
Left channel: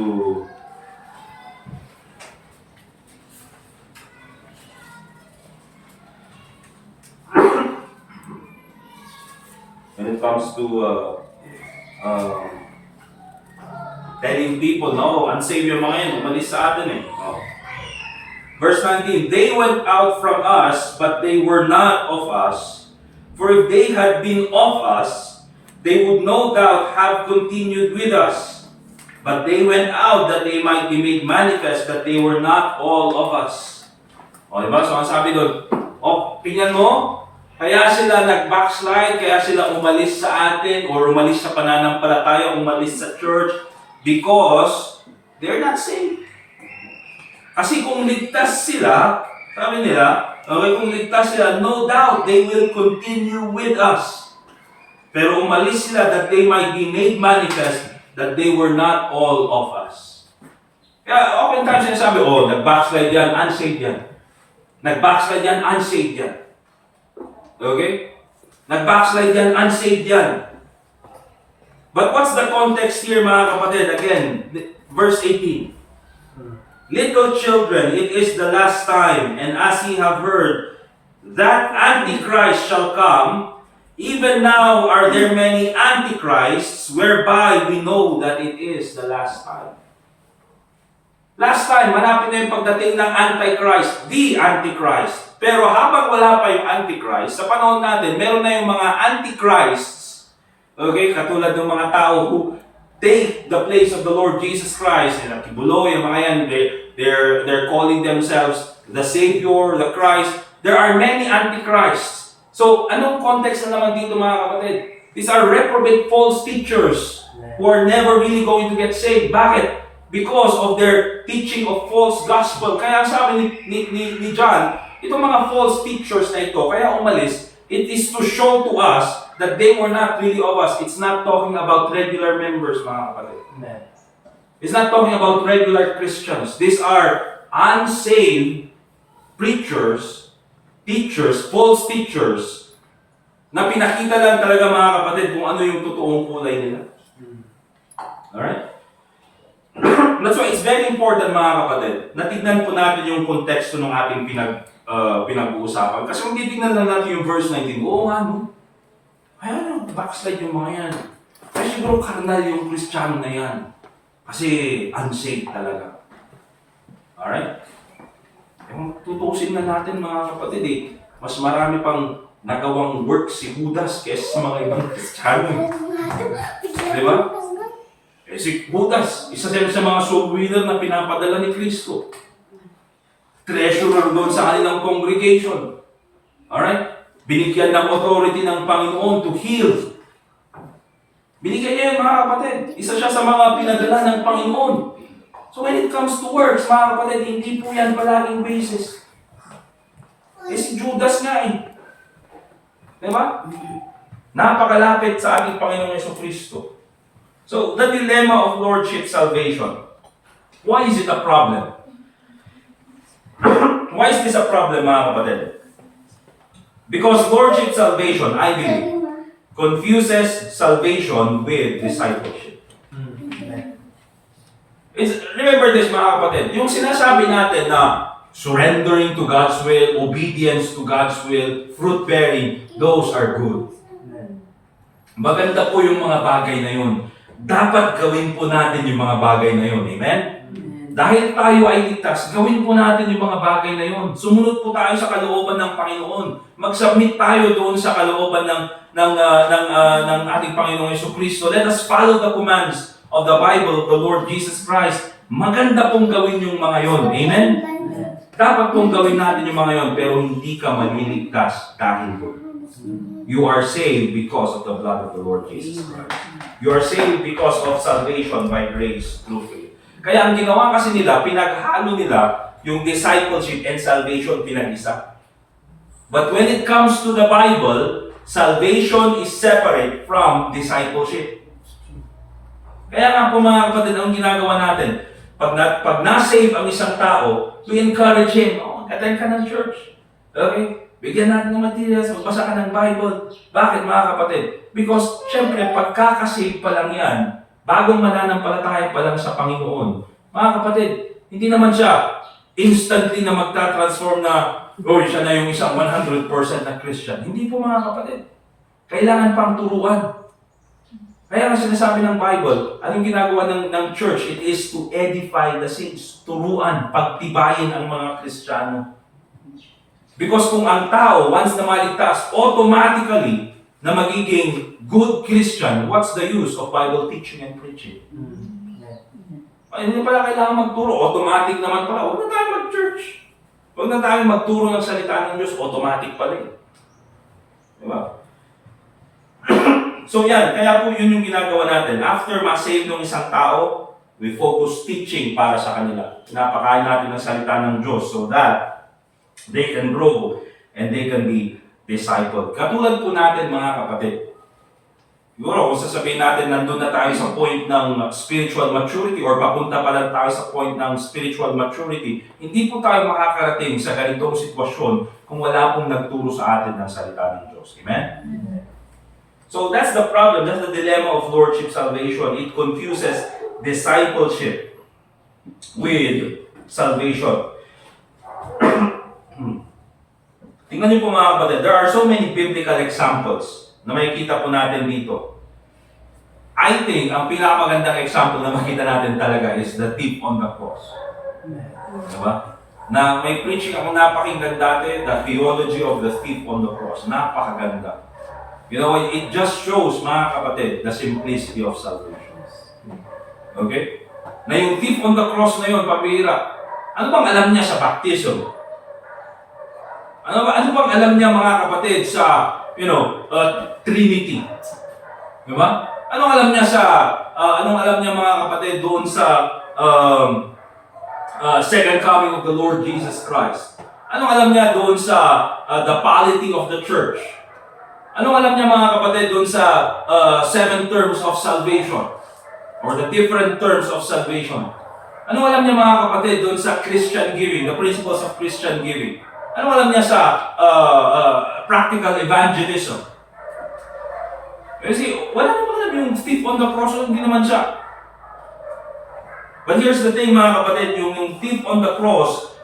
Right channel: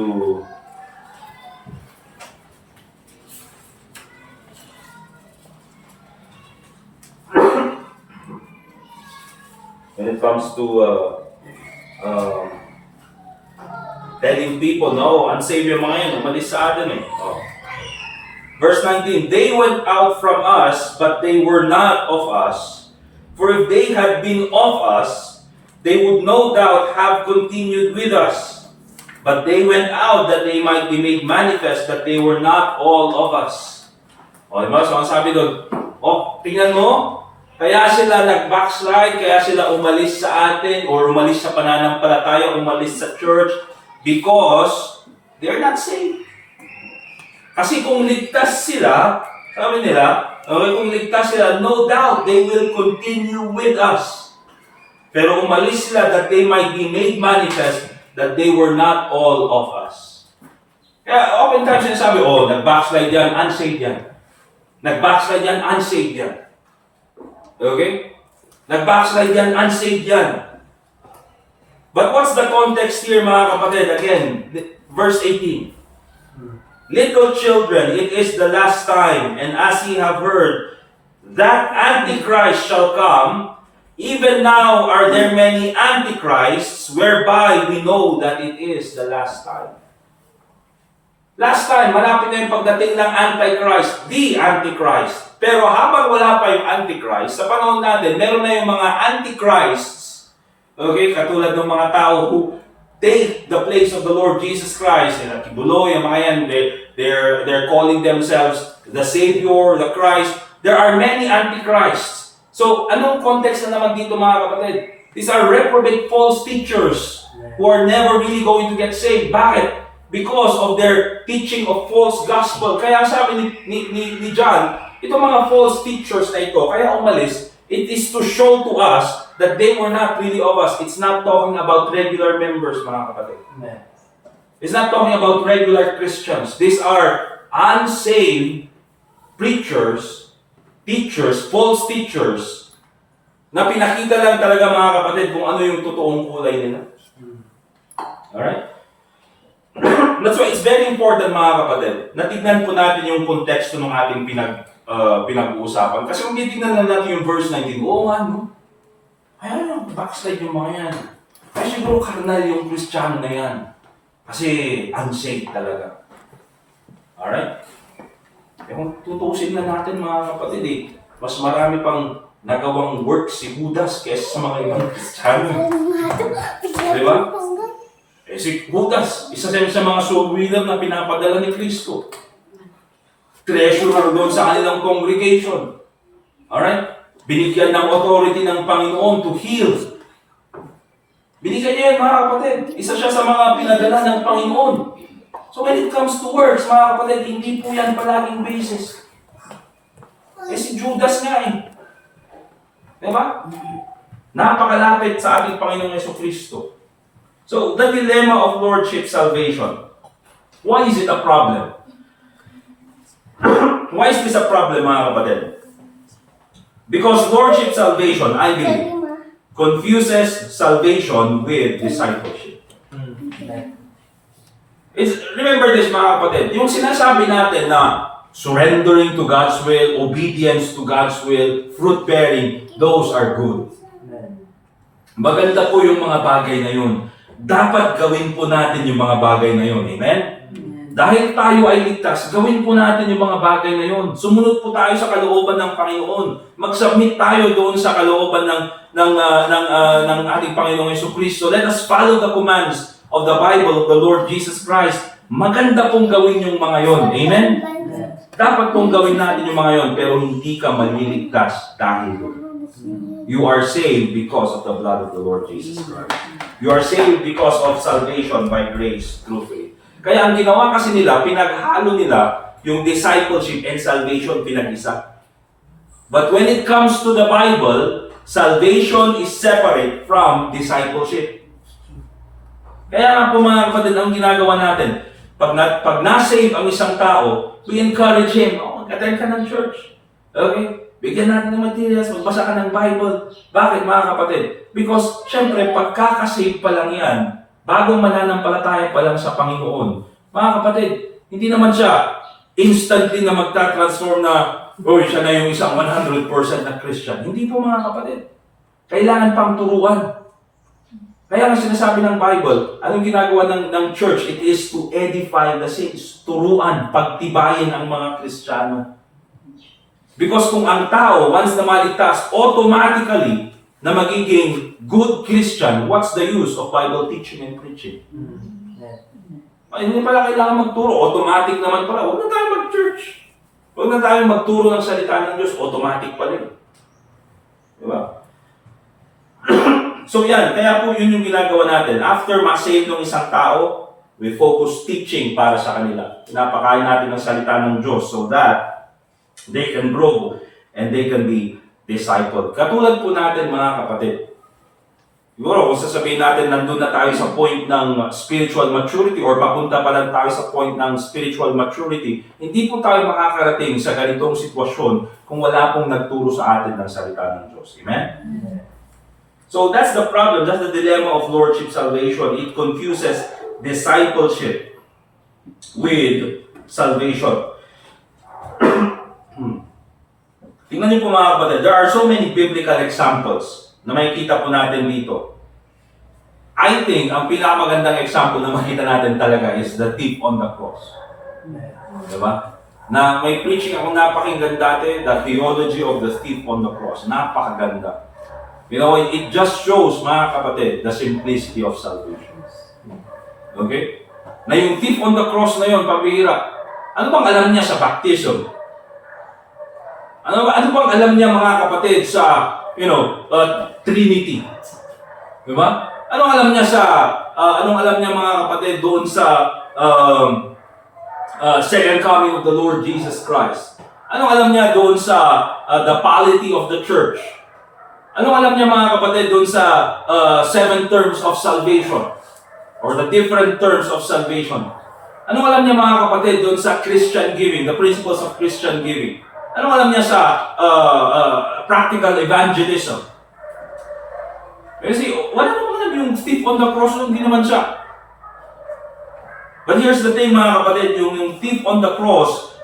telling people, no, unsaved yung mga yan, umalis sa atin eh. Verse 19, they went out from us, but they were not of us. For if they had been of us, they would no doubt have continued with us. But they went out that they might be made manifest that they were not all of us. Diba? So ang sabi doon, tingnan mo, kaya sila nag-backslide, kaya sila umalis sa atin, or umalis sa pananampalataya, umalis sa church, because they're not saved. Kasi kung ligtas sila, sabi nila, okay, kung ligtas sila, no doubt, they will continue with us. Pero umalis sila that they might be made manifest that they were not all of us. Kaya oftentimes sinasabi, nag-backslide yan, unsaved yan. Nag-backslide yan, unsaved yan. Okay? Nag-backslide yan, unsaved yan. But what's the context here, mga kapatid? Again, verse 18. Little children, it is the last time, and as ye have heard, that Antichrist shall come, even now are there many Antichrists, whereby we know that it is the last time. Last time, malapit na yung pagdating ng Antichrist, the Antichrist. Pero habang wala pa yung Antichrist, sa panahon natin, meron na yung mga Antichrists, okay, katulad ng mga tao who take the place of the Lord Jesus Christ. And Kibuloy, yung mga yan, they're calling themselves the Savior, the Christ. There are many Antichrists. So, anong context na naman dito mga kapatid? These are reprobate false teachers who are never really going to get saved. Bakit? Because of their teaching of false gospel. Kaya sabi ni John, itong mga false teachers na ito, kaya umalis, it is to show to us that they were not really of us. It's not talking about regular members, mga kapatid. Amen. It's not talking about regular Christians. These are unsaved preachers, teachers, false teachers, na pinakita lang talaga mga kapatid kung ano yung totoong kulay nila. Alright? That's why it's very important mga kapatid, na tignan po natin yung konteksto ng ating pinag-uusapan. Kasi kung titignan lang natin yung verse 19, oo nga no, ay ano, backslide yung mga yan. Ay siguro karnal yung Kristiyano na yan. Kasi unsaved talaga. Alright? Eh kung tutusin na natin mga kapatid mas marami pang nagawang work si Judas kaysa sa mga ibang Kristiyano. Di ba? Eh si Judas, isa sa mga soul winner na pinapadala ni Kristo. Treasurer doon sa kanilang congregation. Alright? Binigyan ng authority ng Panginoon to heal. Binigyan niya yan mga kapatid. Isa siya sa mga pinadala ng Panginoon. So when it comes to works, mga kapatid, hindi po yan palaging basis. Eh si Judas nga Diba? Napakalapit sa ating Panginoong Jesucristo. So, the dilemma of Lordship salvation. Why is it a problem? Why is this a problem, mga kapatid? Because Lordship salvation, I believe, confuses salvation with discipleship. Remember this, mga kapatid. Yung sinasabi natin na surrendering to God's will, obedience to God's will, fruit-bearing, those are good. Maganda po yung mga bagay na yun. Dapat gawin po natin yung mga bagay na yun. Amen? Dahil tayo ay ligtas, gawin po natin yung mga bagay na yun. Sumunod po tayo sa kalooban ng Panginoon. Mag-submit tayo doon sa kalooban ng ating Panginoong Jesucristo. Let us follow the commands of the Bible of the Lord Jesus Christ. Maganda pong gawin yung mga yun. Amen? Dapat pong gawin natin yung mga yun, pero hindi ka maliligtas dahil doon. You are saved because of the blood of the Lord Jesus Christ. You are saved because of salvation by grace through faith. Kaya ang ginawa kasi nila, pinaghalo nila yung discipleship and salvation pinag-isa. But when it comes to the Bible, salvation is separate from discipleship. Kaya nga po mga kapatid, ang ginagawa natin, pag na-save ang isang tao, we encourage him, attend ka ng church. Okay? Bigyan natin ng materials, magbasa ka ng Bible. Bakit mga kapatid? Because, syempre, pagkakasave pa lang yan, bagong mananampalataya pa lang sa Panginoon. Mga kapatid, hindi naman siya instantly na magta-transform na, siya na yung isang 100% na Christian. Hindi po mga kapatid. Kailangan pang turuan. Kaya nga sinasabi ng Bible, anong ginagawa ng church? It is to edify the saints. Turuan, pagtibayin ang mga Kristiyano. Because kung ang tao, once na maligtas, automatically na magiging good Christian, what's the use of Bible teaching and preaching? Ay, hindi pala kailangan magturo. Automatic naman pala. Huwag na tayo mag-church. Huwag na tayo magturo ng salita ng Diyos. Automatic pala eh. Diba? So yan, kaya po yun yung ginagawa natin. After ma-save ng isang tao, we focus teaching para sa kanila. Pinapakain natin ng salita ng Diyos so that they can grow and they can be discipled. Katulad po natin mga kapatid. Siguro kung sasabihin natin nandun na tayo sa point ng spiritual maturity or papunta pa lang tayo sa point ng spiritual maturity, hindi po tayo makakarating sa ganitong sitwasyon kung wala pong nagturo sa atin ng salita ng Diyos. Amen? So that's the problem, that's the dilemma of Lordship salvation. It confuses discipleship with salvation. Tingnan niyo po mga kapatid, there are so many biblical examples na makikita po natin dito. I think, ang pinakamagandang example na makita natin talaga is the thief on the cross. Diba? Na may preaching ako napakinggan dati, the theology of the thief on the cross. Napakaganda. You know, it just shows, mga kapatid, the simplicity of salvation. Okay? Na yung thief on the cross na yun, pabihira. Ano bang alam niya sa baptism? Ano bang alam niya mga kapatid sa, Trinity? Di ba? Anong alam niya mga kapatid doon sa second coming of the Lord Jesus Christ? Anong alam niya doon sa the polity of the church? Anong alam niya mga kapatid doon sa 7 terms of salvation? Or the different terms of salvation? Anong alam niya mga kapatid doon sa Christian giving, the principles of Christian giving? Anong alam niya sa practical evangelism? Kasi wala naman yung thief on the cross, hindi naman siya. But here's the thing mga kapatid, yung thief on the cross,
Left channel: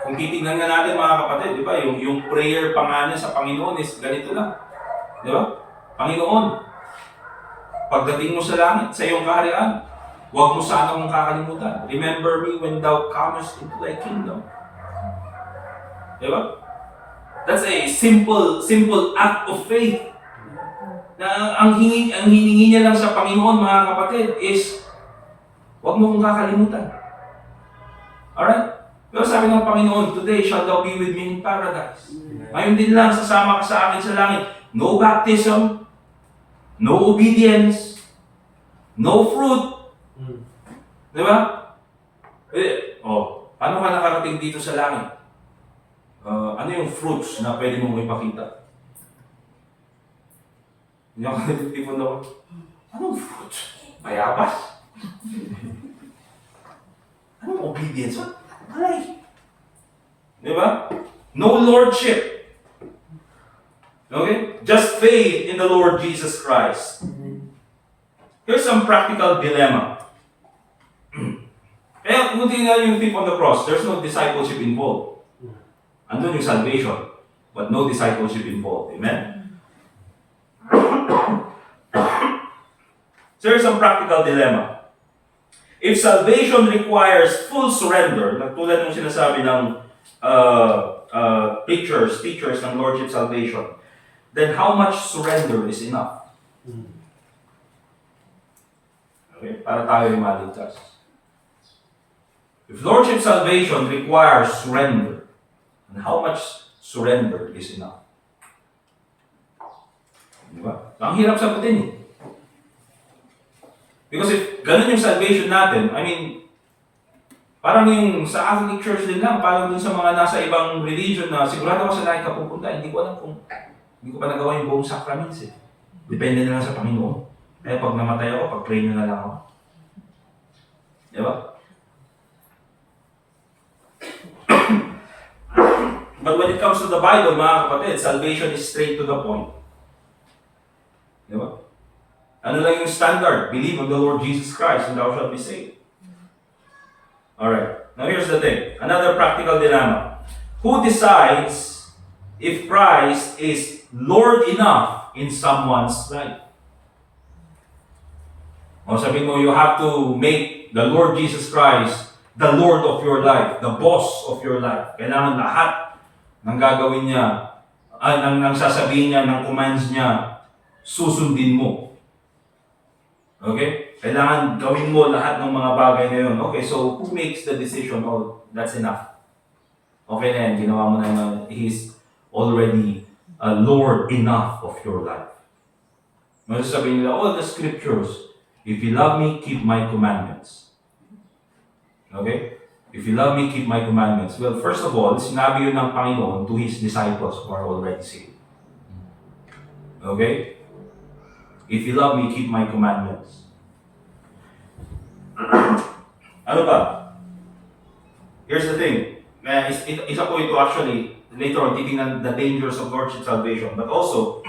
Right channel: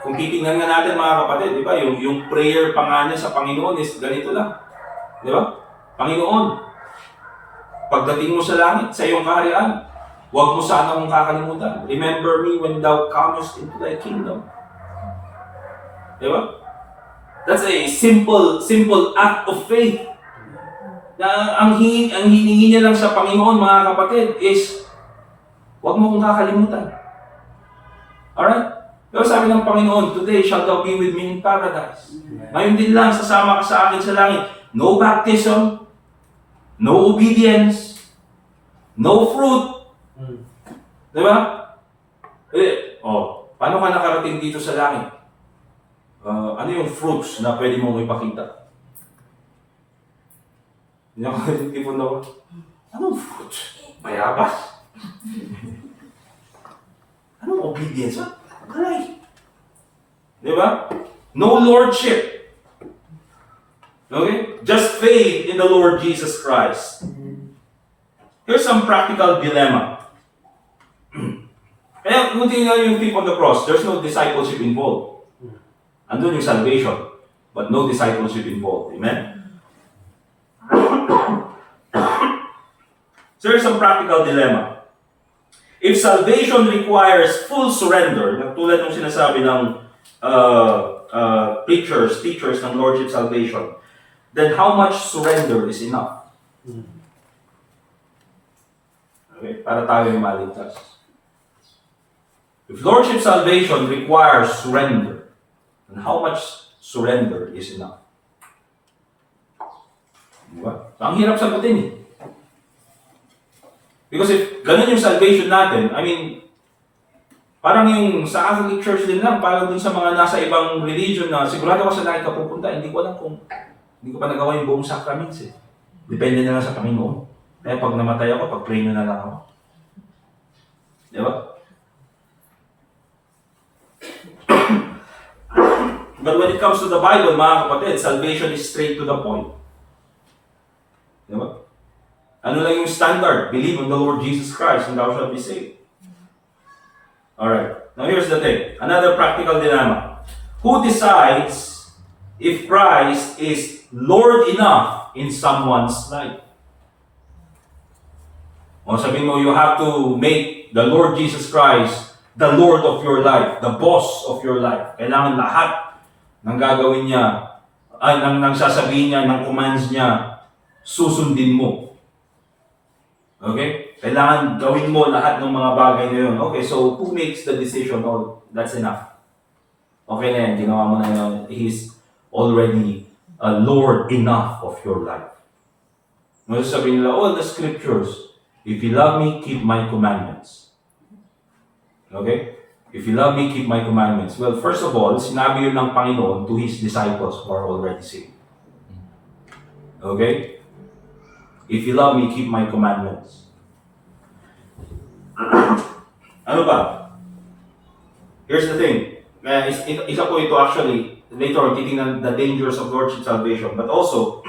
kung titingnan nga natin mga kapatid, di ba, yung prayer pa nga niya sa Panginoon is ganito lang. Di ba? Panginoon, pagdating mo sa langit, sa iyong kaharian, huwag mo sana akong kakalimutan. Remember me when thou comest into thy kingdom. Di ba? That's a simple act of faith. Na ang hiningi niya lang sa Panginoon mga kapatid is, huwag mo akong kakalimutan. Alright? Pero sabi ng Panginoon, today shall thou be with me in paradise. Ngayon din lang, sasama ka sa akin sa langit. No baptism, no obedience, no fruit. Di ba? Paano ka nakarating dito sa langit? Ano yung fruits na pwede mong ipakita? Hindi ako nagtipon daw. Anong fruits? Bayabas? Anong obedience? Ay! Di ba? No lordship. Okay? Just faith in the Lord Jesus Christ. Here's some practical dilemma. Kaya kung tingnan yung thief on the cross, there's no discipleship involved. Andun yung salvation, but no discipleship involved. Amen? So here's some practical dilemma. If salvation requires full surrender, tulad ng sinasabi ng teachers ng Lordship Salvation, then how much surrender is enough? Okay, para tayo yung maligtas. If Lordship Salvation requires surrender, then how much surrender is enough? Diba? Ang hirap sagutin eh. Because if ganun yung salvation natin, parang yung sa Catholic Church din lang, parang dun sa mga nasa ibang religion na sigurado ko sa langit ka pupunta, hindi ko pa nagawa yung buong sacraments eh. Depende na lang sa Panginoon. Kaya pag namatay ako, pag-pray nyo na lang ako. Di ba? But when it comes to the Bible, mga kapatid, salvation is straight to the point. Di ba? Ano lang yung standard? Believe on the Lord Jesus Christ and thou shalt be saved. Alright. Now here's the thing. Another practical dilemma. Who decides if Christ is Lord enough in someone's life? O sabihin mo, you have to make the Lord Jesus Christ the Lord of your life, the boss of your life. Kailangan lahat ng gagawin niya, ng sasabihin niya, ng commands niya, susundin mo. Okay? Kailangan gawin mo lahat ng mga bagay na yun. Okay, so who makes the decision? Oh, that's enough. Okay na yan, ginawa mo na yun. He's already a Lord enough of your life. Ngayon sabihin nila, the scriptures, if you love me, keep my commandments. Okay? If you love me, keep my commandments. Well, first of all, sinabi yun ng Panginoon to His disciples who are already saved. Okay? If you love me, keep my commandments. Ano ba? Here's the thing. Isa po ito actually, later on, titingnan the dangers of Lordship Salvation. But also,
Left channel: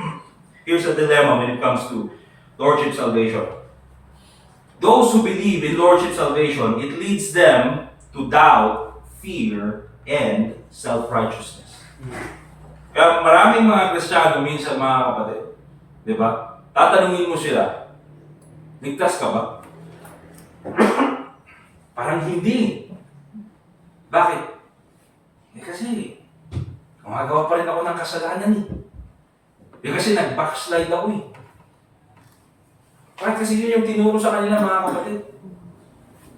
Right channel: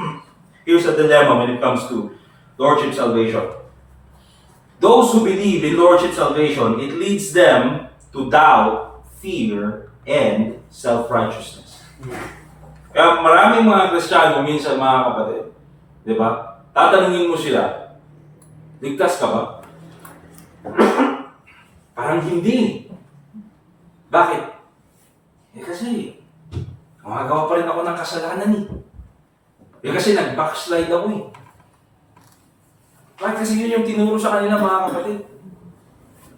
here's a dilemma when it comes to Lordship Salvation. Those who believe in Lordship Salvation, it leads them to doubt, fear, and self-righteousness. Kaya maraming mga Kristiyano minsan mga kapatid, di ba? Tatanungin mo sila, ligtas ka ba? Parang hindi. Bakit? Kasi, gumagawa pa rin ako ng kasalanan eh. Kasi nag-backslide ako eh. Bakit? Kasi yun yung tinuro sa kanila mga kapatid.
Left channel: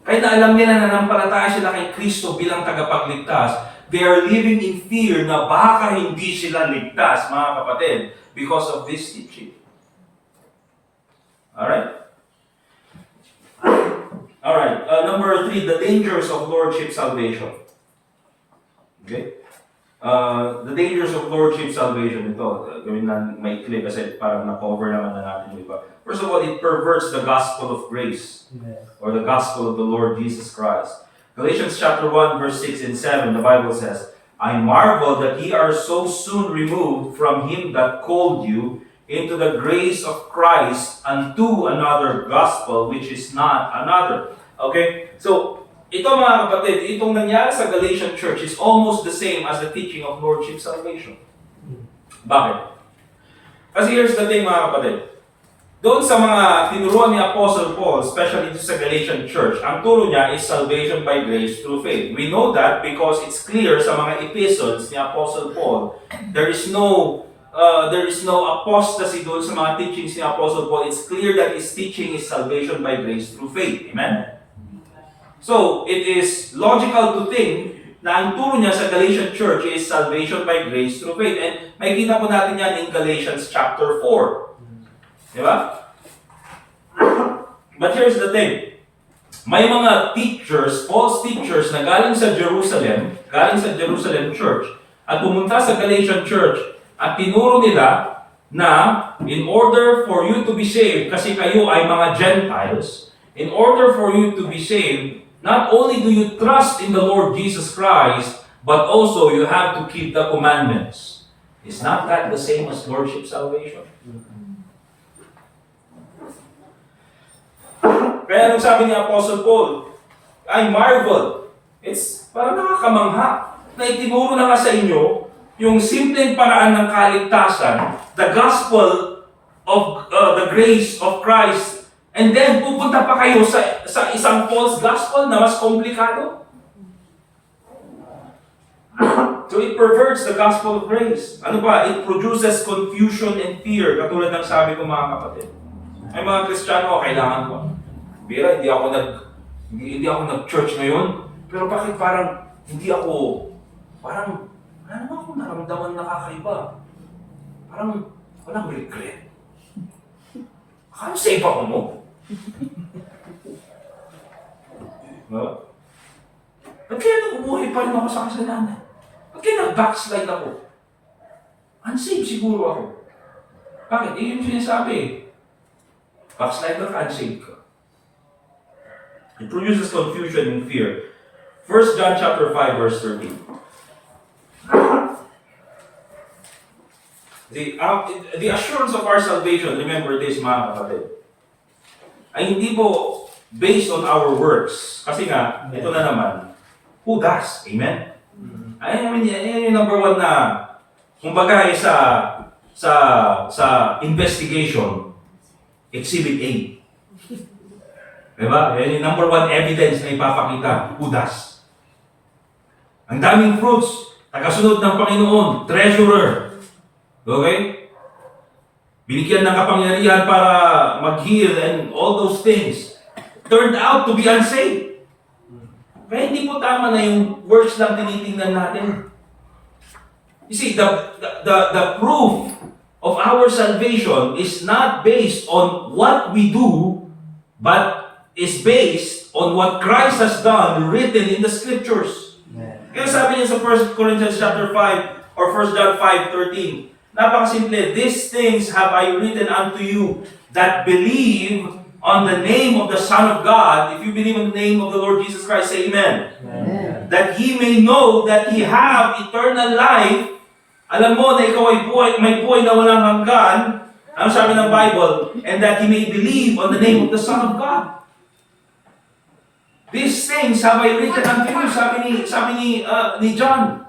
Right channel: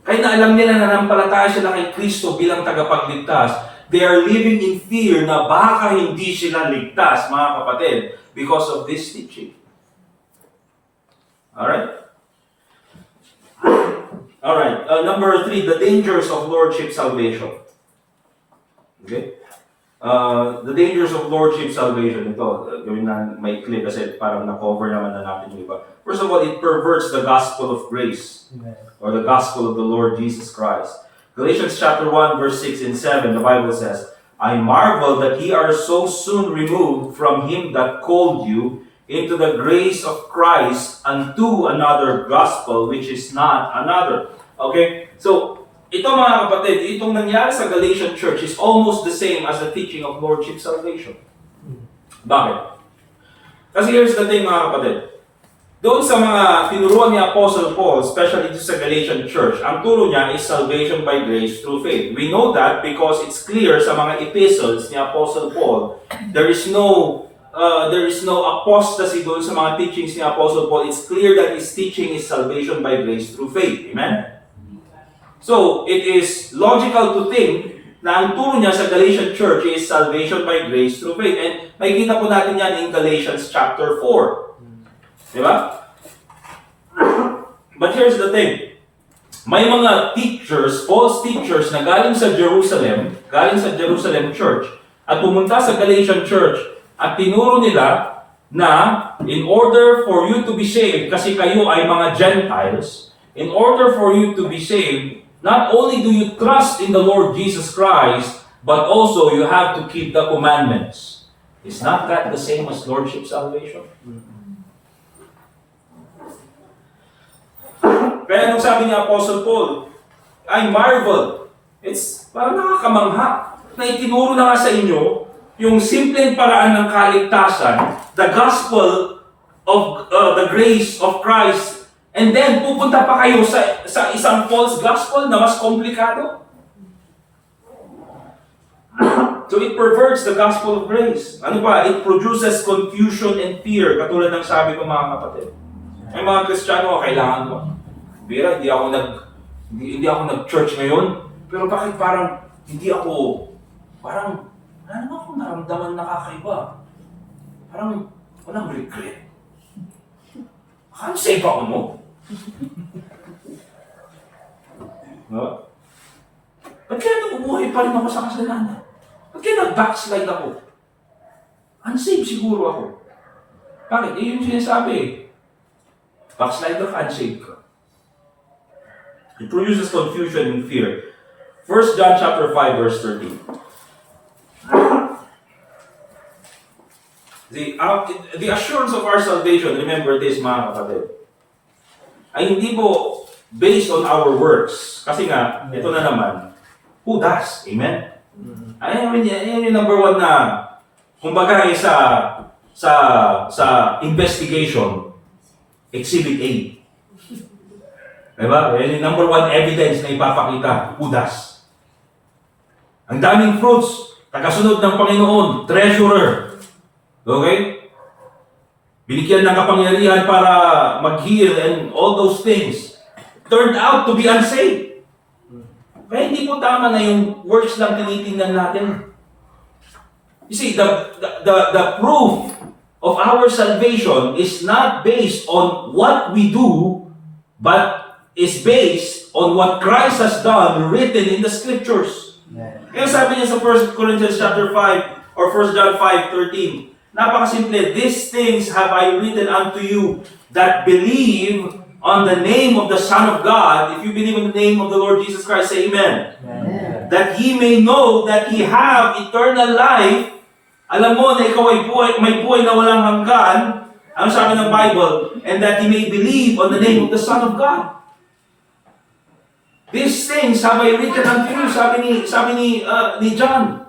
Kahit na alam nila na nanampalataya sila kay Kristo bilang tagapagligtas, They are living in fear na baka hindi sila ligtas, mga kapatid, because of this teaching. Alright? Alright, number 3, the dangers of Lordship salvation. Okay? The dangers of Lordship salvation. Ito, gawin na may clip kasi parang na-cover naman na natin yung iba. First of all, it perverts the gospel of grace. Or the gospel of the Lord Jesus Christ. Galatians chapter 1, verse 6 and 7, the Bible says, I marvel that ye are so soon removed from him that called you into the grace of Christ unto another gospel, which is not another. Okay? So, ito mga kapatid, itong nangyari sa Galatian church is almost the same as the teaching of Lordship salvation. Bakit? Kasi here's the thing mga kapatid. Doon sa mga tinuruan ni Apostle Paul, especially dito sa Galatian church, ang turo niya is salvation by grace through faith. We know that because it's clear sa mga epistles ni Apostle Paul, there is no apostasy doon sa mga teachings ni Apostle Paul. It's clear that his teaching is salvation by grace through faith. Amen? So, it is logical to think na ang turo niya sa Galatian church is salvation by grace through faith. And makikita po natin yan in Galatians chapter 4. Diba? But here's the thing. May mga teachers, false teachers na galing sa Jerusalem church, at pumunta sa Galatian church, at tinuro nila na in order for you to be saved, kasi kayo ay mga Gentiles, in order for you to be saved, not only do you trust in the Lord Jesus Christ, but also you have to keep the commandments. Is not that the same as Lordship salvation? Kaya nung sabi ni Apostle Paul, I marvel. It's parang nakakamangha na itinuro na nga sa inyo yung simpleng paraan ng kaligtasan, the gospel of the grace of Christ, and then pupunta pa kayo sa isang false gospel na mas komplikado. So it perverts the gospel of grace. Ano ba? It produces confusion and fear, katulad ng sabi ko mga kapatid. Ay mga Kristiyano, kailangan ko. Bira, hindi ako nag-church ngayon, pero bakit parang wala naman akong naramdaman na kakaiba. Parang walang regret. Akala safe ako mo. No? Ba't kaya nabubuhay pa rin ako sa kasalanan? Ba't kaya nag-backslide ako? Unsafe siguro ako. Bakit? Yung sinasabi. Backslider ka, unsafe ka. It produces confusion and fear. 1 John chapter 5, verse 13. The assurance of our salvation, remember this mga kapatid, ay hindi po based on our works. Kasi nga, ito na naman, who does? Amen? Ayan yung number 1 na, kumbaga sa investigation, Exhibit A. Diba? Yan yung number 1 evidence na ipapakita, who does? Ang daming fruits, tagasunod ng Panginoon, treasurer. Okay? Binigyan ng kapangyarihan para mag-heal and all those things. Turned out to be unsafe. Kaya hindi po tama na yung works lang tinitingnan natin. You see, the proof of our salvation is not based on what we do, but is based on what Christ has done, written in the Scriptures. Kaya sabi niya sa 1 Corinthians chapter 5 or 1 John 5:13, napakasimple, these things have I written unto you that believe on the name of the Son of God. If you believe in the name of the Lord Jesus Christ, say amen. Amen. That ye may know that ye have eternal life. Alam mo na ikaw ay may buhay na walang hanggan. Ano sabi ng Bible? And that ye may believe on the name of the Son of God. These things have I written unto you, sabi ni John.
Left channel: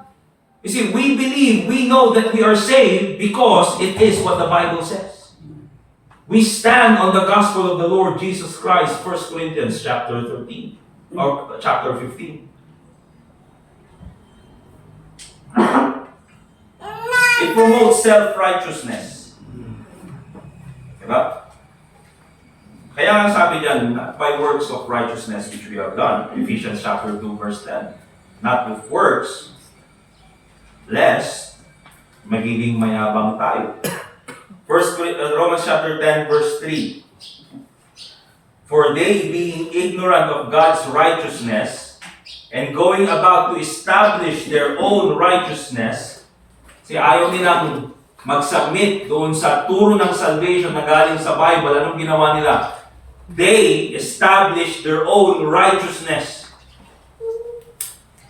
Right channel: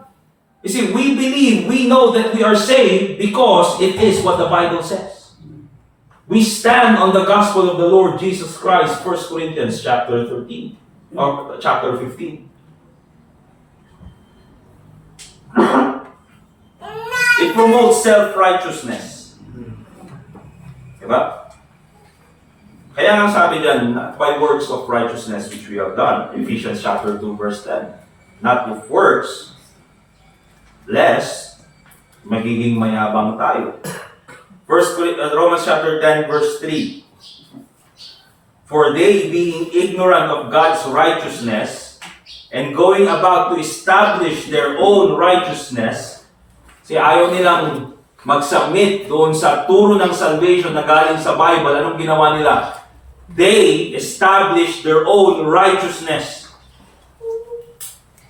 You see, we believe, we know that we are saved because it is what the Bible says. We stand on the gospel of the Lord Jesus Christ, 1 Corinthians chapter 13, or chapter 15. It promotes self-righteousness. Diba? Kaya nga sabi diyan, by works of righteousness which we have done, Ephesians chapter 2, verse 10. Not with works, lest magiging mayabang tayo. Romans chapter 10 verse 3. For they, being ignorant of God's righteousness, and going about to establish their own righteousness, ayaw nilang mag-submit doon sa turo ng salvation na galing sa Bible. Anong ginawa nila? They established their own righteousness.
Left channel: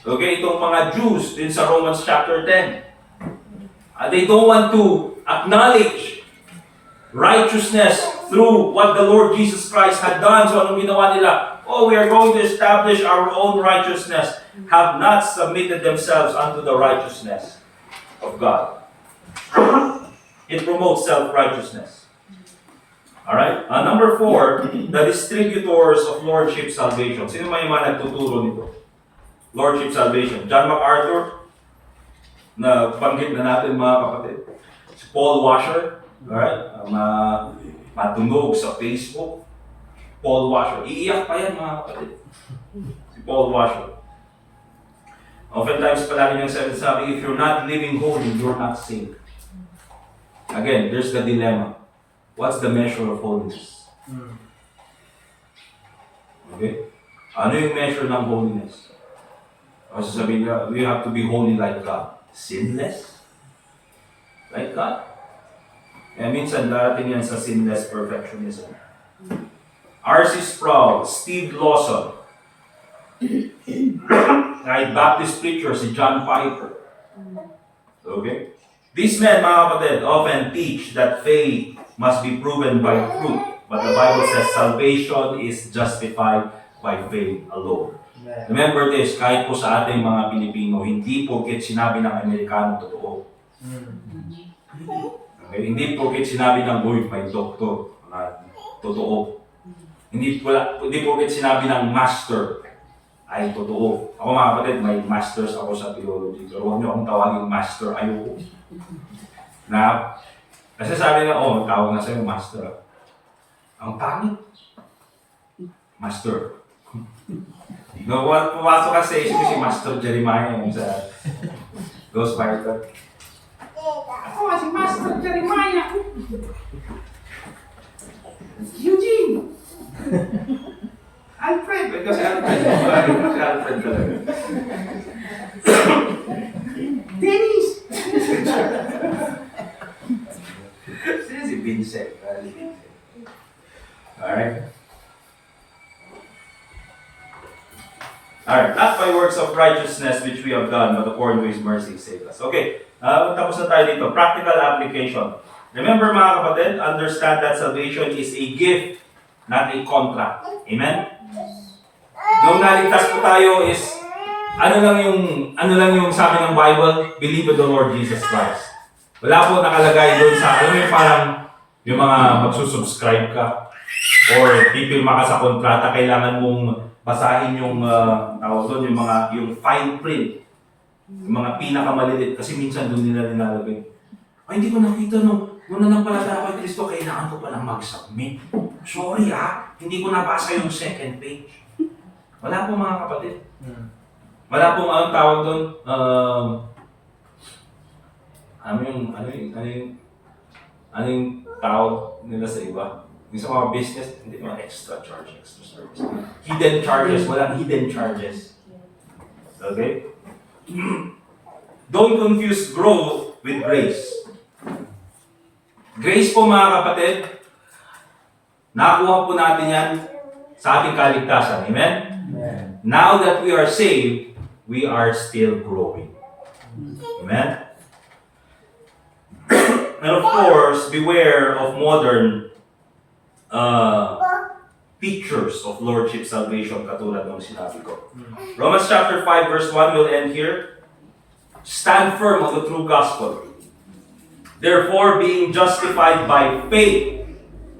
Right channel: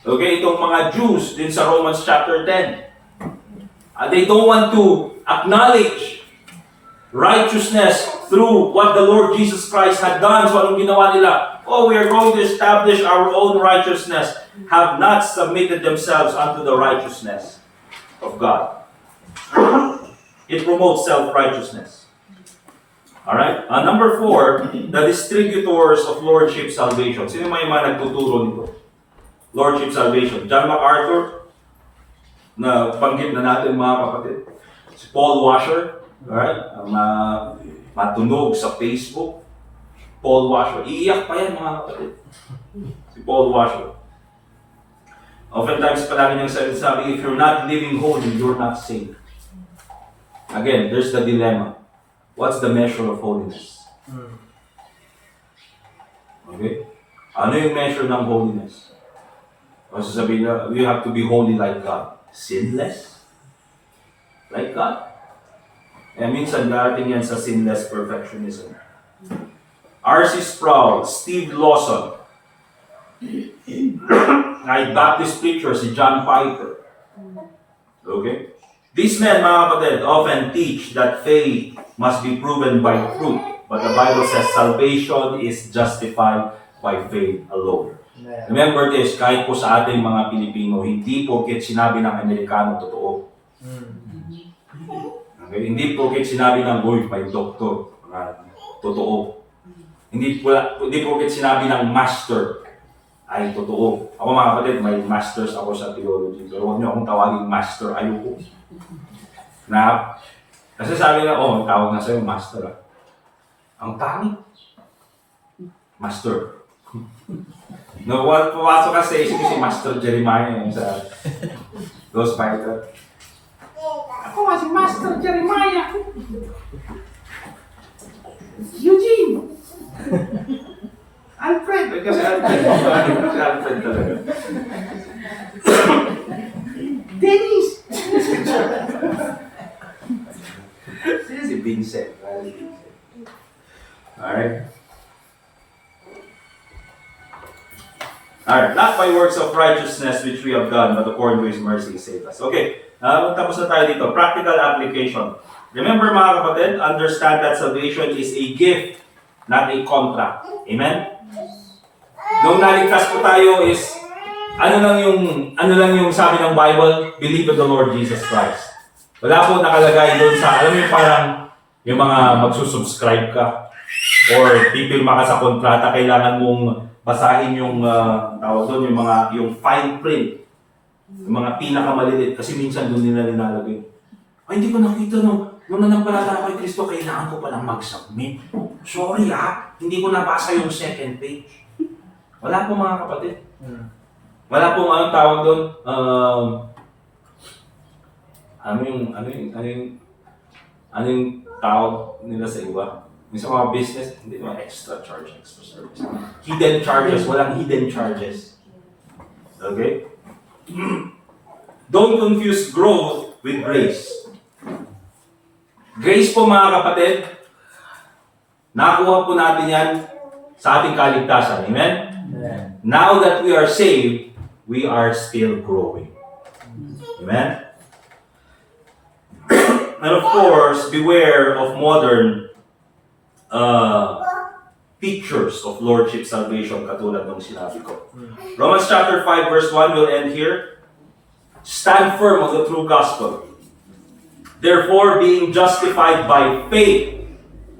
Okay, itong mga Jews din sa Romans chapter 10. They don't want to acknowledge righteousness through what the Lord Jesus Christ had done. So anong ginawa nila? Oh, we are going to establish our own righteousness. Have not submitted themselves unto the righteousness of God. It promotes self-righteousness. Alright? Number 4, the distributors of Lordship salvation. Sino may mga nagtuturo nito? Lordship salvation. John MacArthur, na banggit na natin mga kapatid. Si Paul Washer, alright? Matunog sa Facebook. Paul Washer. Iiyak pa yan mga kapatid. Si Paul Washer. Oftentimes palagi niyang sabi, if you're not living holy, you're not saved. Again, there's the dilemma. What's the measure of holiness? Okay? Ano yung measure ng holiness? O sasabihin na, we have to be holy like God. Sinless? Like God? Minsan darating yan sa sinless perfectionism. R.C. Sproul, Steve Lawson, kahit Baptist preacher si John Piper. Okay? These men, mga kapatid, often teach that faith must be proven by fruit. But the Bible says salvation is justified by faith alone. Remember this, kahit po sa ating mga Pilipino, hindi porket sinabi ng Amerikano totoo. Okay? Hindi porket sinabi ng Lord, may doktor, totoo. Hindi porket sinabi ng master, ay totoo. Ako mga kapatid, may masters ako sa theology. Pero huwag niyo akong tawagin master, ayoko. Kasi sabi nga, tawag na sa'yo, master. Ang pangit. Master. No, pumasok kasi isip si Master Jeremiah yung sa Ghostwriter. Ako nga si Master Jeremiah. Eugene. Alfred. Kasi Alfred talaga. Dennis. Si Vincent. Alright. Alright, not by works of righteousness which we have done, but according to His mercy, save us. Okay, tapos na tayo dito. Practical application. Remember mga kapatid, understand that salvation is a gift, not a contract. Amen? Nung naligtas po tayo is, ano lang yung sabi ng Bible? Believe in the Lord Jesus Christ. Wala po nakalagay doon sa, alam mo yung parang, yung mga magsusubscribe ka, or pipirma ka sa kontrata, kailangan mong basahin yung tawag doon, yung fine print, yung mga pinakamaliliit, kasi minsan doon nila nilalagay. Ay, hindi ko nakita nung nanampalataya ako kay Kristo, kailangan ko palang mag-submit. Sorry hindi ko nabasa yung second page. Wala po mga kapatid. Wala pong anong tawag doon, ano yung tawag nila sa iba? Yung sa mga business, hindi mga extra charge, extra service. Hidden charges, walang hidden charges. Okay? Don't confuse growth with grace. Grace po mga kapatid, nakuha po natin yan sa ating kaligtasan. Amen? Amen. Now that we are saved, we are still growing. Amen? And of course, beware of modern pictures of Lordship salvation katulad ng sinabi ko. Romans chapter 5 verse 1 will end here. Stand firm on the true gospel. Therefore, being justified by faith,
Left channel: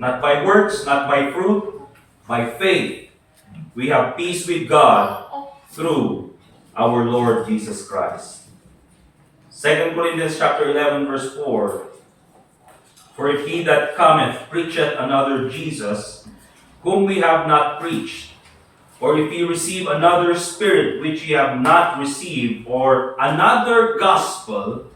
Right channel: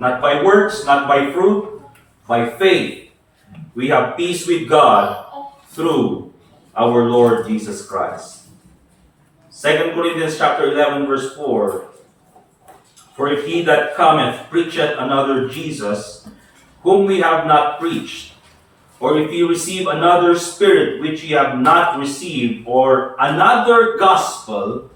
not by works, not by fruit, by faith, we have peace with God through our Lord Jesus Christ. 2 Corinthians chapter 11 verse 4. For if he that cometh preacheth another Jesus, whom we have not preached, or if ye receive another spirit which ye have not received, or another gospel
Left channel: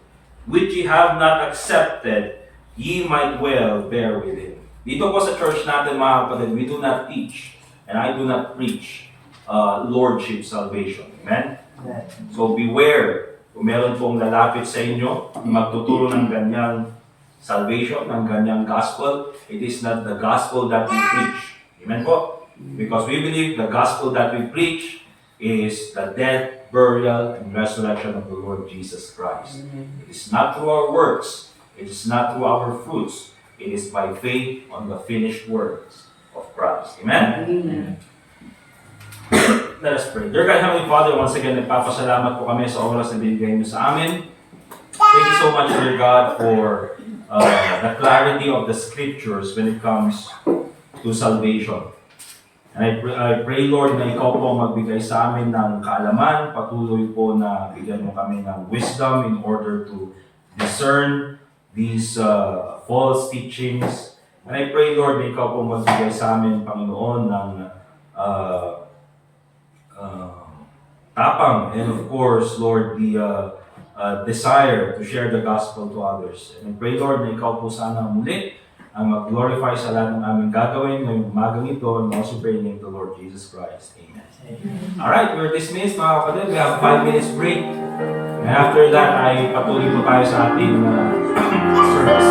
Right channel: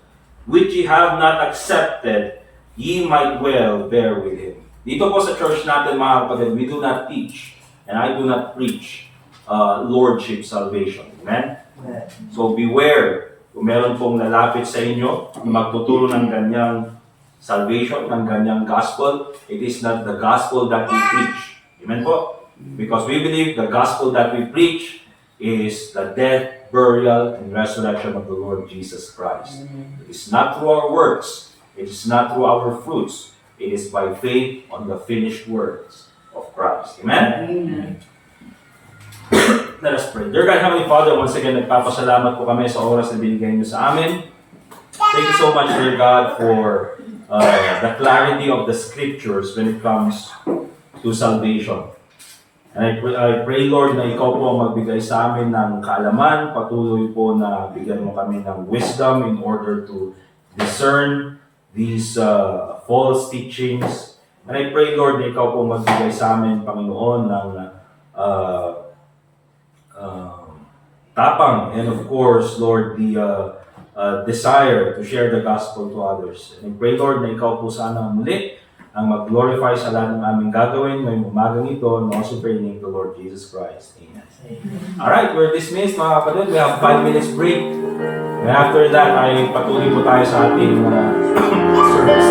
which ye have not accepted, ye might well bear with him. Dito po sa church natin mga kapatid, we do not teach and I do not preach lordship salvation. Amen? So beware, kung meron pong lalapit sa inyo, magtuturo ng ganyang salvation, ng ganyang gospel, it is not the gospel that we preach. Amen po? Because we believe the gospel that we preach is the death, burial, and resurrection of the Lord Jesus Christ. It is not through our works, it is not through our fruits, it is by faith on the finished works of Christ. Amen? Let us pray. Dear God, Heavenly Father, once again, nagpapasalamat po kami sa oras na binigay niyo sa amin. Thank you so much, dear God, for the clarity of the scriptures when it comes to salvation. And I pray, Lord, na ikaw po magbigay sa amin ng kaalaman, patuloy po na bigyan mo kami ng wisdom in order to discern these false teachings. And I pray, Lord, na ikaw po magbigay sa amin, Panginoon, ng tapang, and of course, Lord, the desire to share the gospel to others. And I pray, Lord, na ikaw po sana muli ang mag-glorify sa lahat ng aming gagawin ngayong umagang ito, and also praying in the Lord Jesus Christ. Amen. Alright, we're dismissed mga kapatid. We have 5 minutes break. And after that, ay patuloy po tayo sa ating service.